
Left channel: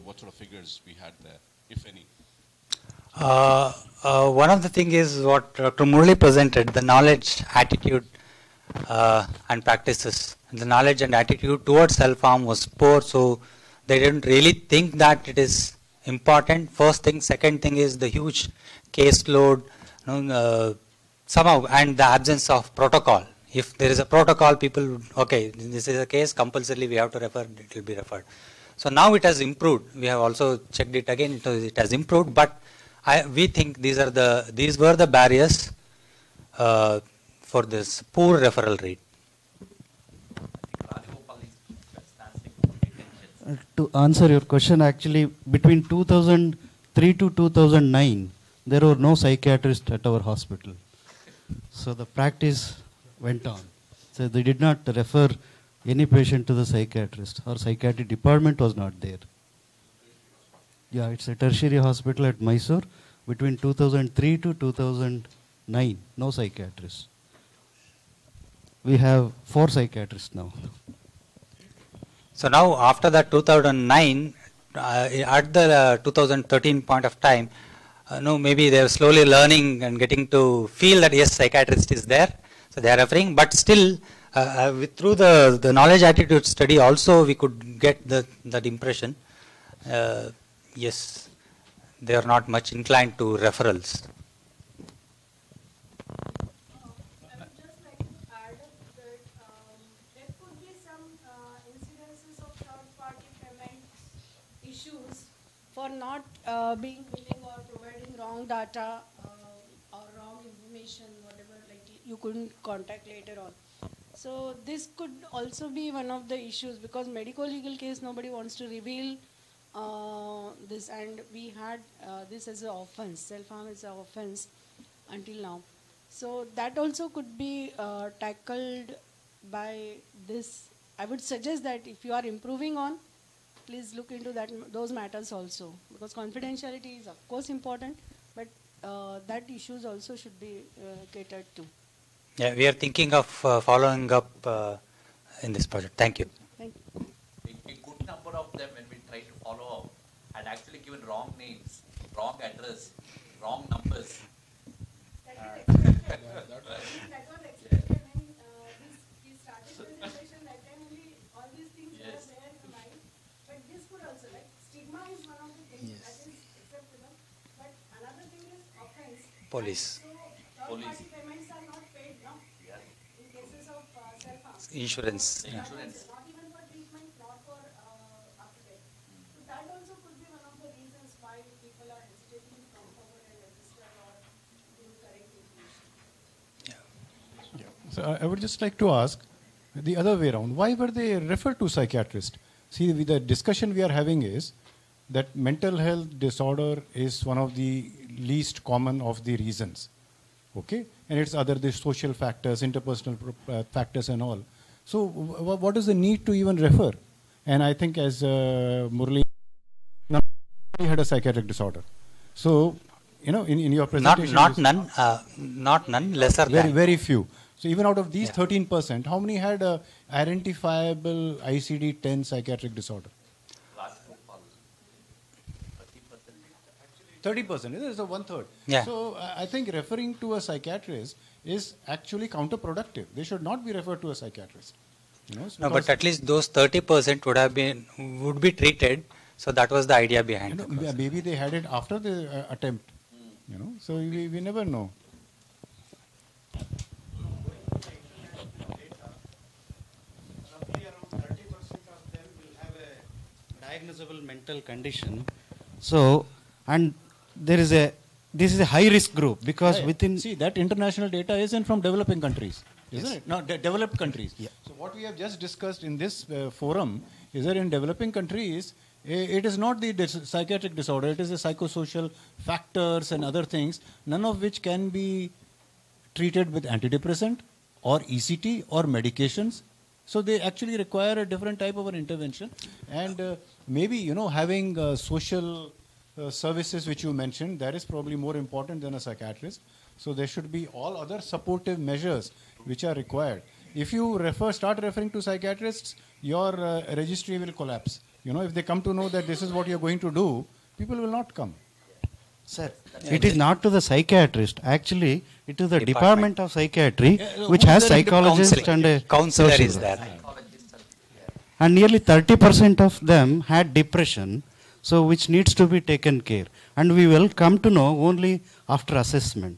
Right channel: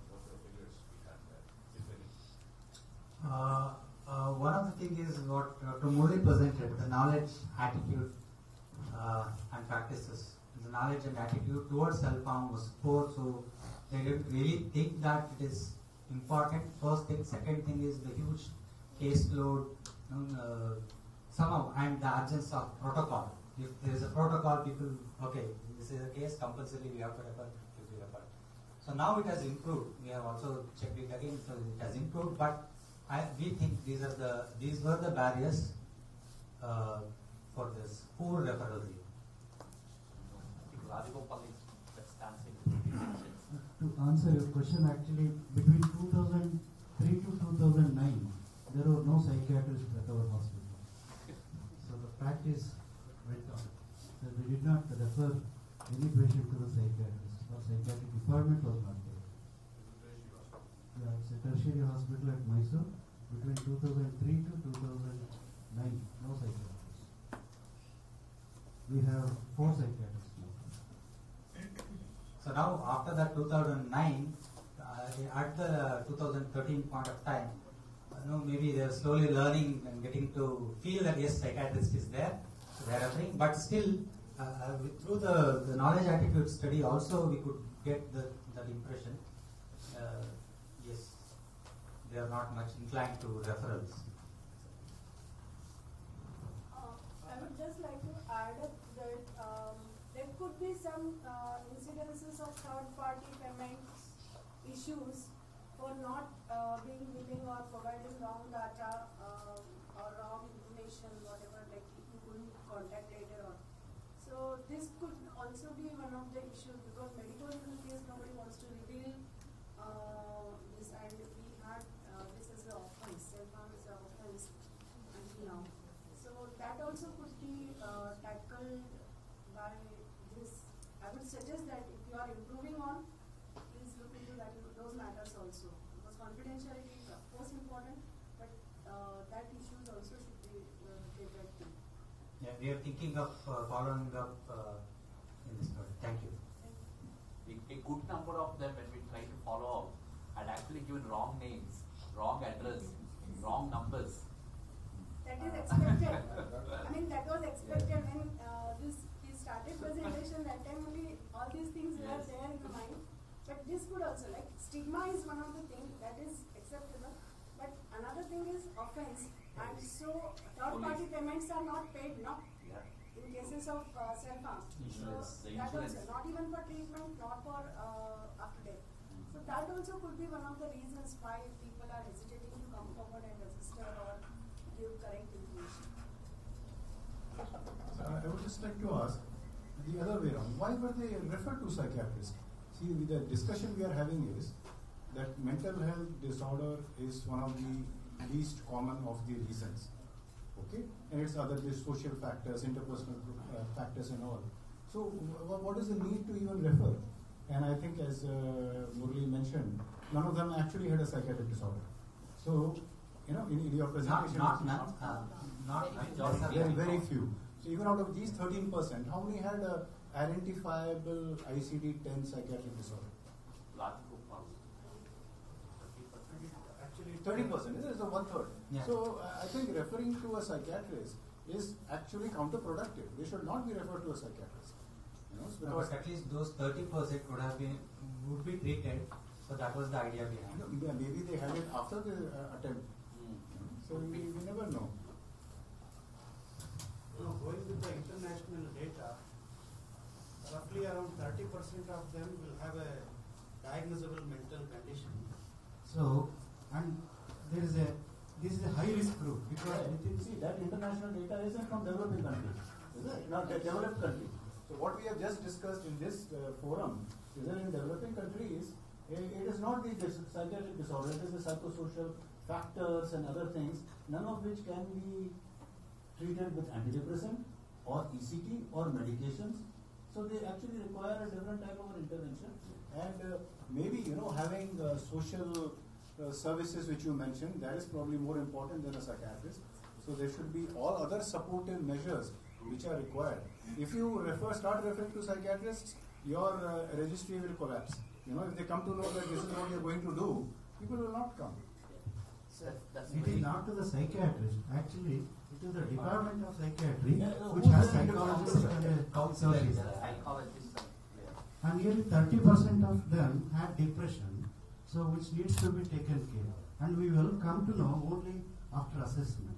what sort of figures we had there, if any. One of the things is what Dr. Murali presented, the knowledge, attitude, and practices. The knowledge and attitude towards self-harm was poor, so they didn't really think that it is important. First thing. Second thing is the huge caseload, somehow, and the absence of protocol. If there is a protocol, people would, okay, this is a case, compulsorily we have to refer, it will be referred. So now it has improved. We have also checked it again, it has improved, but we think these were the barriers for this poor referral rate. To answer your question, actually, between 2003 to 2009, there were no psychiatrists at our hospital. So the practice went on. So they did not refer any patient to the psychiatrist. Our psychiatry department was not there. Yeah, it's a tertiary hospital at Mysore. Between 2003 to 2009, no psychiatrists. We have 4 psychiatrists now. So now after that 2009, at the 2013 point of time, maybe they are slowly learning and getting to feel that yes, psychiatrist is there, so they are referring. But still, through the knowledge attitude study also we could get that impression. Yes, they are not much inclined to referrals. Being willing or providing wrong data or wrong information, whatever, like you couldn't contact later on. So this could also be one of the issues, because medical legal case nobody wants to reveal this, and we had this as an offense, self-harm is an offense until now. So that also could be tackled by this. I would suggest that if you are improving on, please look into those matters also, because confidentiality is of course important, but that issues also should be catered to. Yeah, we are thinking of following up in this project. Thank you. Thank you. A good number of them, when we try to follow up, had actually given wrong names, wrong address, wrong numbers. That was expected. That was expected when we started presentation. That time only all these things were there in the mind. But this could also, like, stigma is one of the things that is acceptable. But another thing is offense. Police. So third-party payments are not paid now. Yeah. In cases of self-harm. Insurance. Not even for treatment, not for after death. So that also could be one of the reasons why people are hesitating to come forward and register or give correct information. So I would just like to ask the other way around. Why were they referred to psychiatrist? See, the discussion we are having is that mental health disorder is one of the least common of the reasons, okay? And it's the social factors, interpersonal factors and all. So what is the need to even refer? And I think, as Murali mentioned, none of them actually had a psychiatric disorder. So, in your presentation... Not none, lesser than. Very few. So even out of these 13%, how many had a identifiable ICD-10 psychiatric disorder? 30%, it is a 1/3. Yeah. So I think referring to a psychiatrist is actually counterproductive. They should not be referred to a psychiatrist. No, but at least those 30% would be treated. So that was the idea behind it. Maybe they had it after the attempt. So we never know. Going with the international data, roughly around 30% of them will have a diagnosable mental condition. So, and this is a high risk group, because within... See, that international data isn't from developing countries, isn't it? No, developed countries. Yeah. So what we have just discussed in this forum is that in developing countries, it is not the psychiatric disorder, it is the psychosocial factors and other things, none of which can be treated with antidepressant or ECT or medications. So they actually require a different type of an intervention. And maybe, having social services which you mentioned, that is probably more important than a psychiatrist. So there should be all other supportive measures which are required. If you start referring to psychiatrists, your registry will collapse. If they come to know that this is what you're going to do, people will not come. Sir, it is not to the psychiatrist. Actually, it is the Department of Psychiatry, which has psychologists and a counselor is there. and nearly 30% of them had depression, so which needs to be taken care. And we will come to know only after assessment.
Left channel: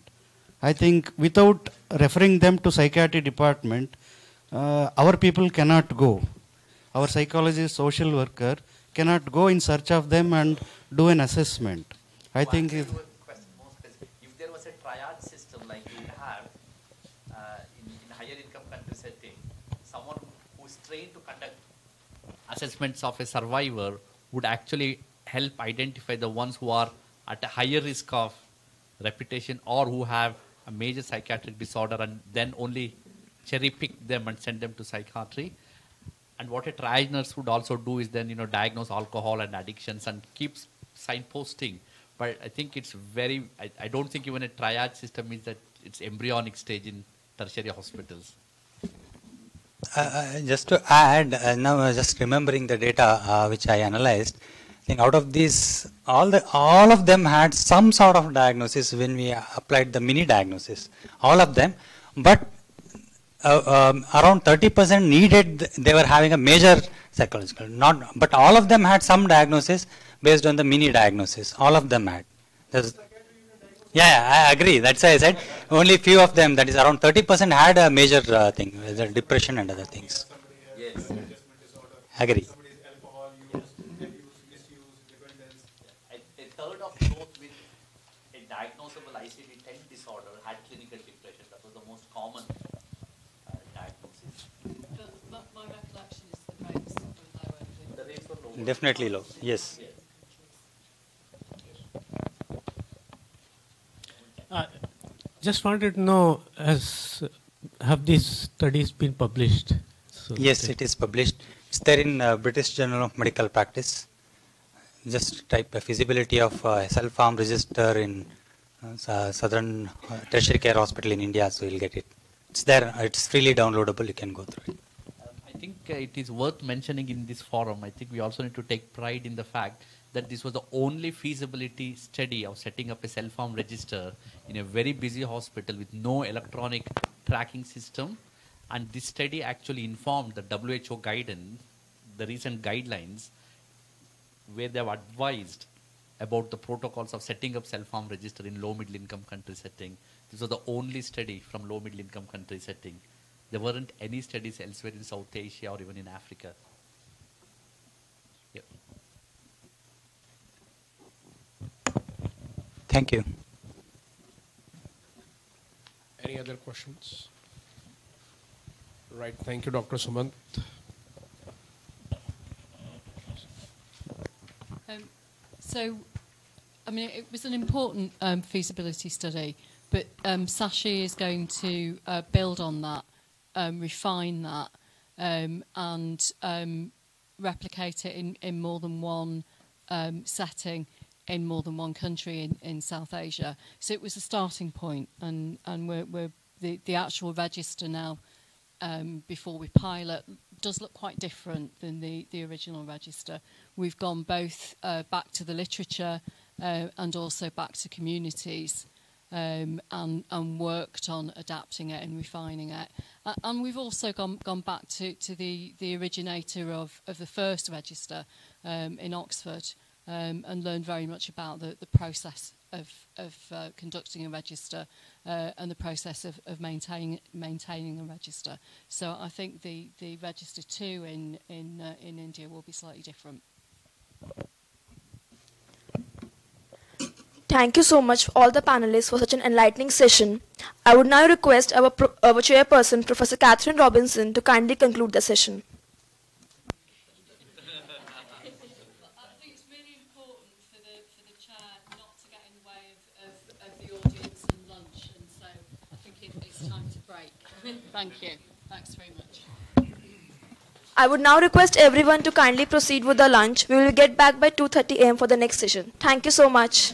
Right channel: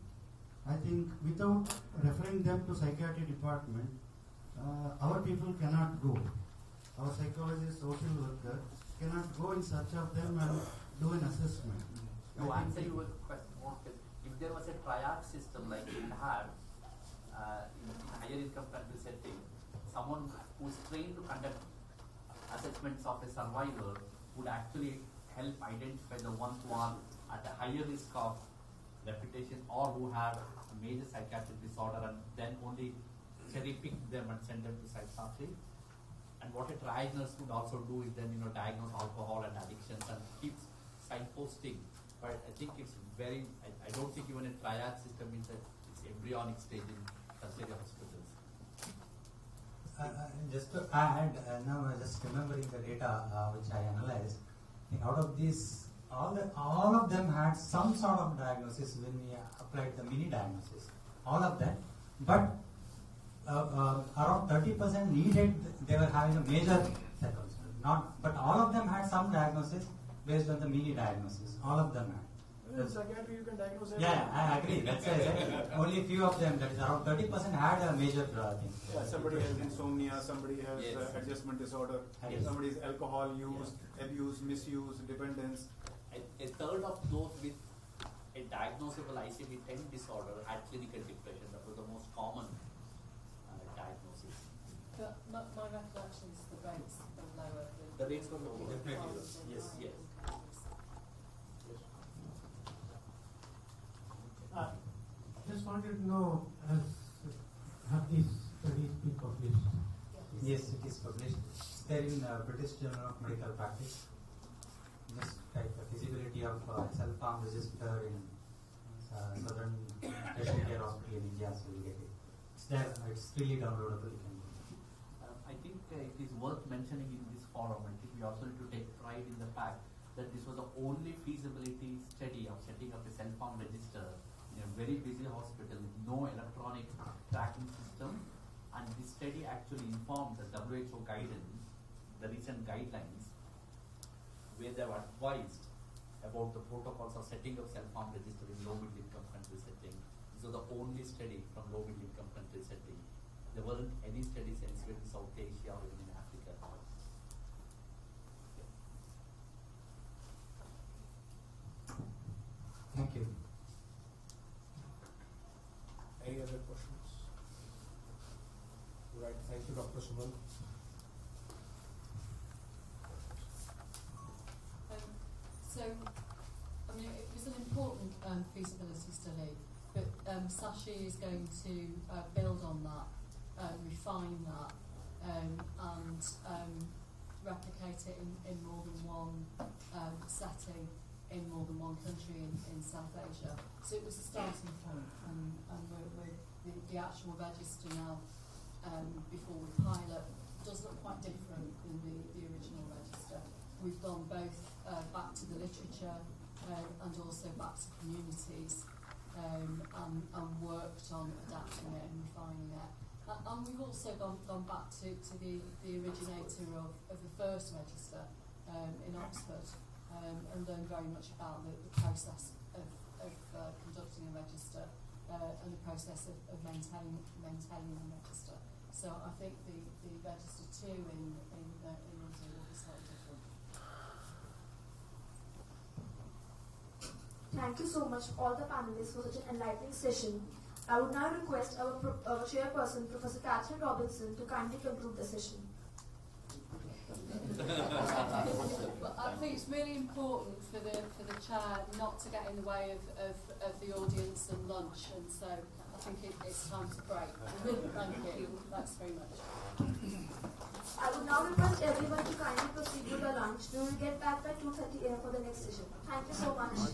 I think without referring them to psychiatry department, our people cannot go. Our psychologist, social worker cannot go in search of them and do an assessment. I think if there was a triage system like we have in higher income country setting, someone who is trained to conduct assessments of a survivor would actually help identify the ones who are at a higher risk of reputation or who have a major psychiatric disorder, and then only cherry pick them and send them to psychiatry. And what a triage nurse would also do is then, diagnose alcohol and addictions and keeps signposting. But I think it's very, I don't think even a triage system means that it's embryonic stage in tertiary hospitals. Just to add, now just remembering the data which I analyzed, I think out of these, all of them had some sort of diagnosis when we applied the mini diagnosis. All of them, but around 30% needed, they were having a major psychological, but all of them had some diagnosis based on the mini diagnosis. All of them had. Yeah, I agree. That's why I said only few of them, that is around 30% had a major thing, depression and other things. Somebody has an adjustment disorder. Agree. Somebody's alcohol use, abuse, misuse, dependence. A third of those with a diagnosable ICD-10 disorder had clinical depression. That was the most common diagnosis. My recollection is the rates were lower. The rates were lower. Definitely low, yes. Just wanted to know, have these studies been published? So Yes, it is published. It's there in British Journal of Medical Practice. Just type a feasibility of self-harm register in Southern Tertiary Care Hospital in India, so you'll get it. It's there. It's freely downloadable. You can go through it. I think it is worth mentioning in this forum. I think we also need to take pride in the fact that this was the only feasibility study of setting up a self-harm register in a very busy hospital with no electronic tracking system. And this study actually informed the WHO guidance, the recent guidelines, where they have advised about the protocols of setting up self-harm register in low-middle income country setting. This was the only study from low-middle income country setting. There weren't any studies elsewhere in South Asia or even in Africa. Yep. Thank you. Any other questions? Right, thank you, Dr. Sumant. So, I mean, it was an important feasibility study, but Sashi is going to build on that, refine that, and replicate it in more than one setting, in more than one country in South Asia. So it was a starting point, and we're the actual register now, before we pilot, does look quite different than the original register. We've gone both back to the literature and also back to communities, and worked on adapting it and refining it. And we've also gone back to the originator of the first register in Oxford, and learned very much about the process of conducting a register and the process of maintaining a register. So I think the register 2 in India will be slightly different. Thank you so much all the panelists for such an enlightening session. I would now request our chairperson, Professor Catherine Robinson, to kindly conclude the session. I think it's really important for the chair not to get in the way of the audience and lunch, and so I think it's time to break. Thank you. Thanks very much. I would now request everyone to kindly proceed with the lunch. We will get back by 2:30 AM for the next session. Thank you so much.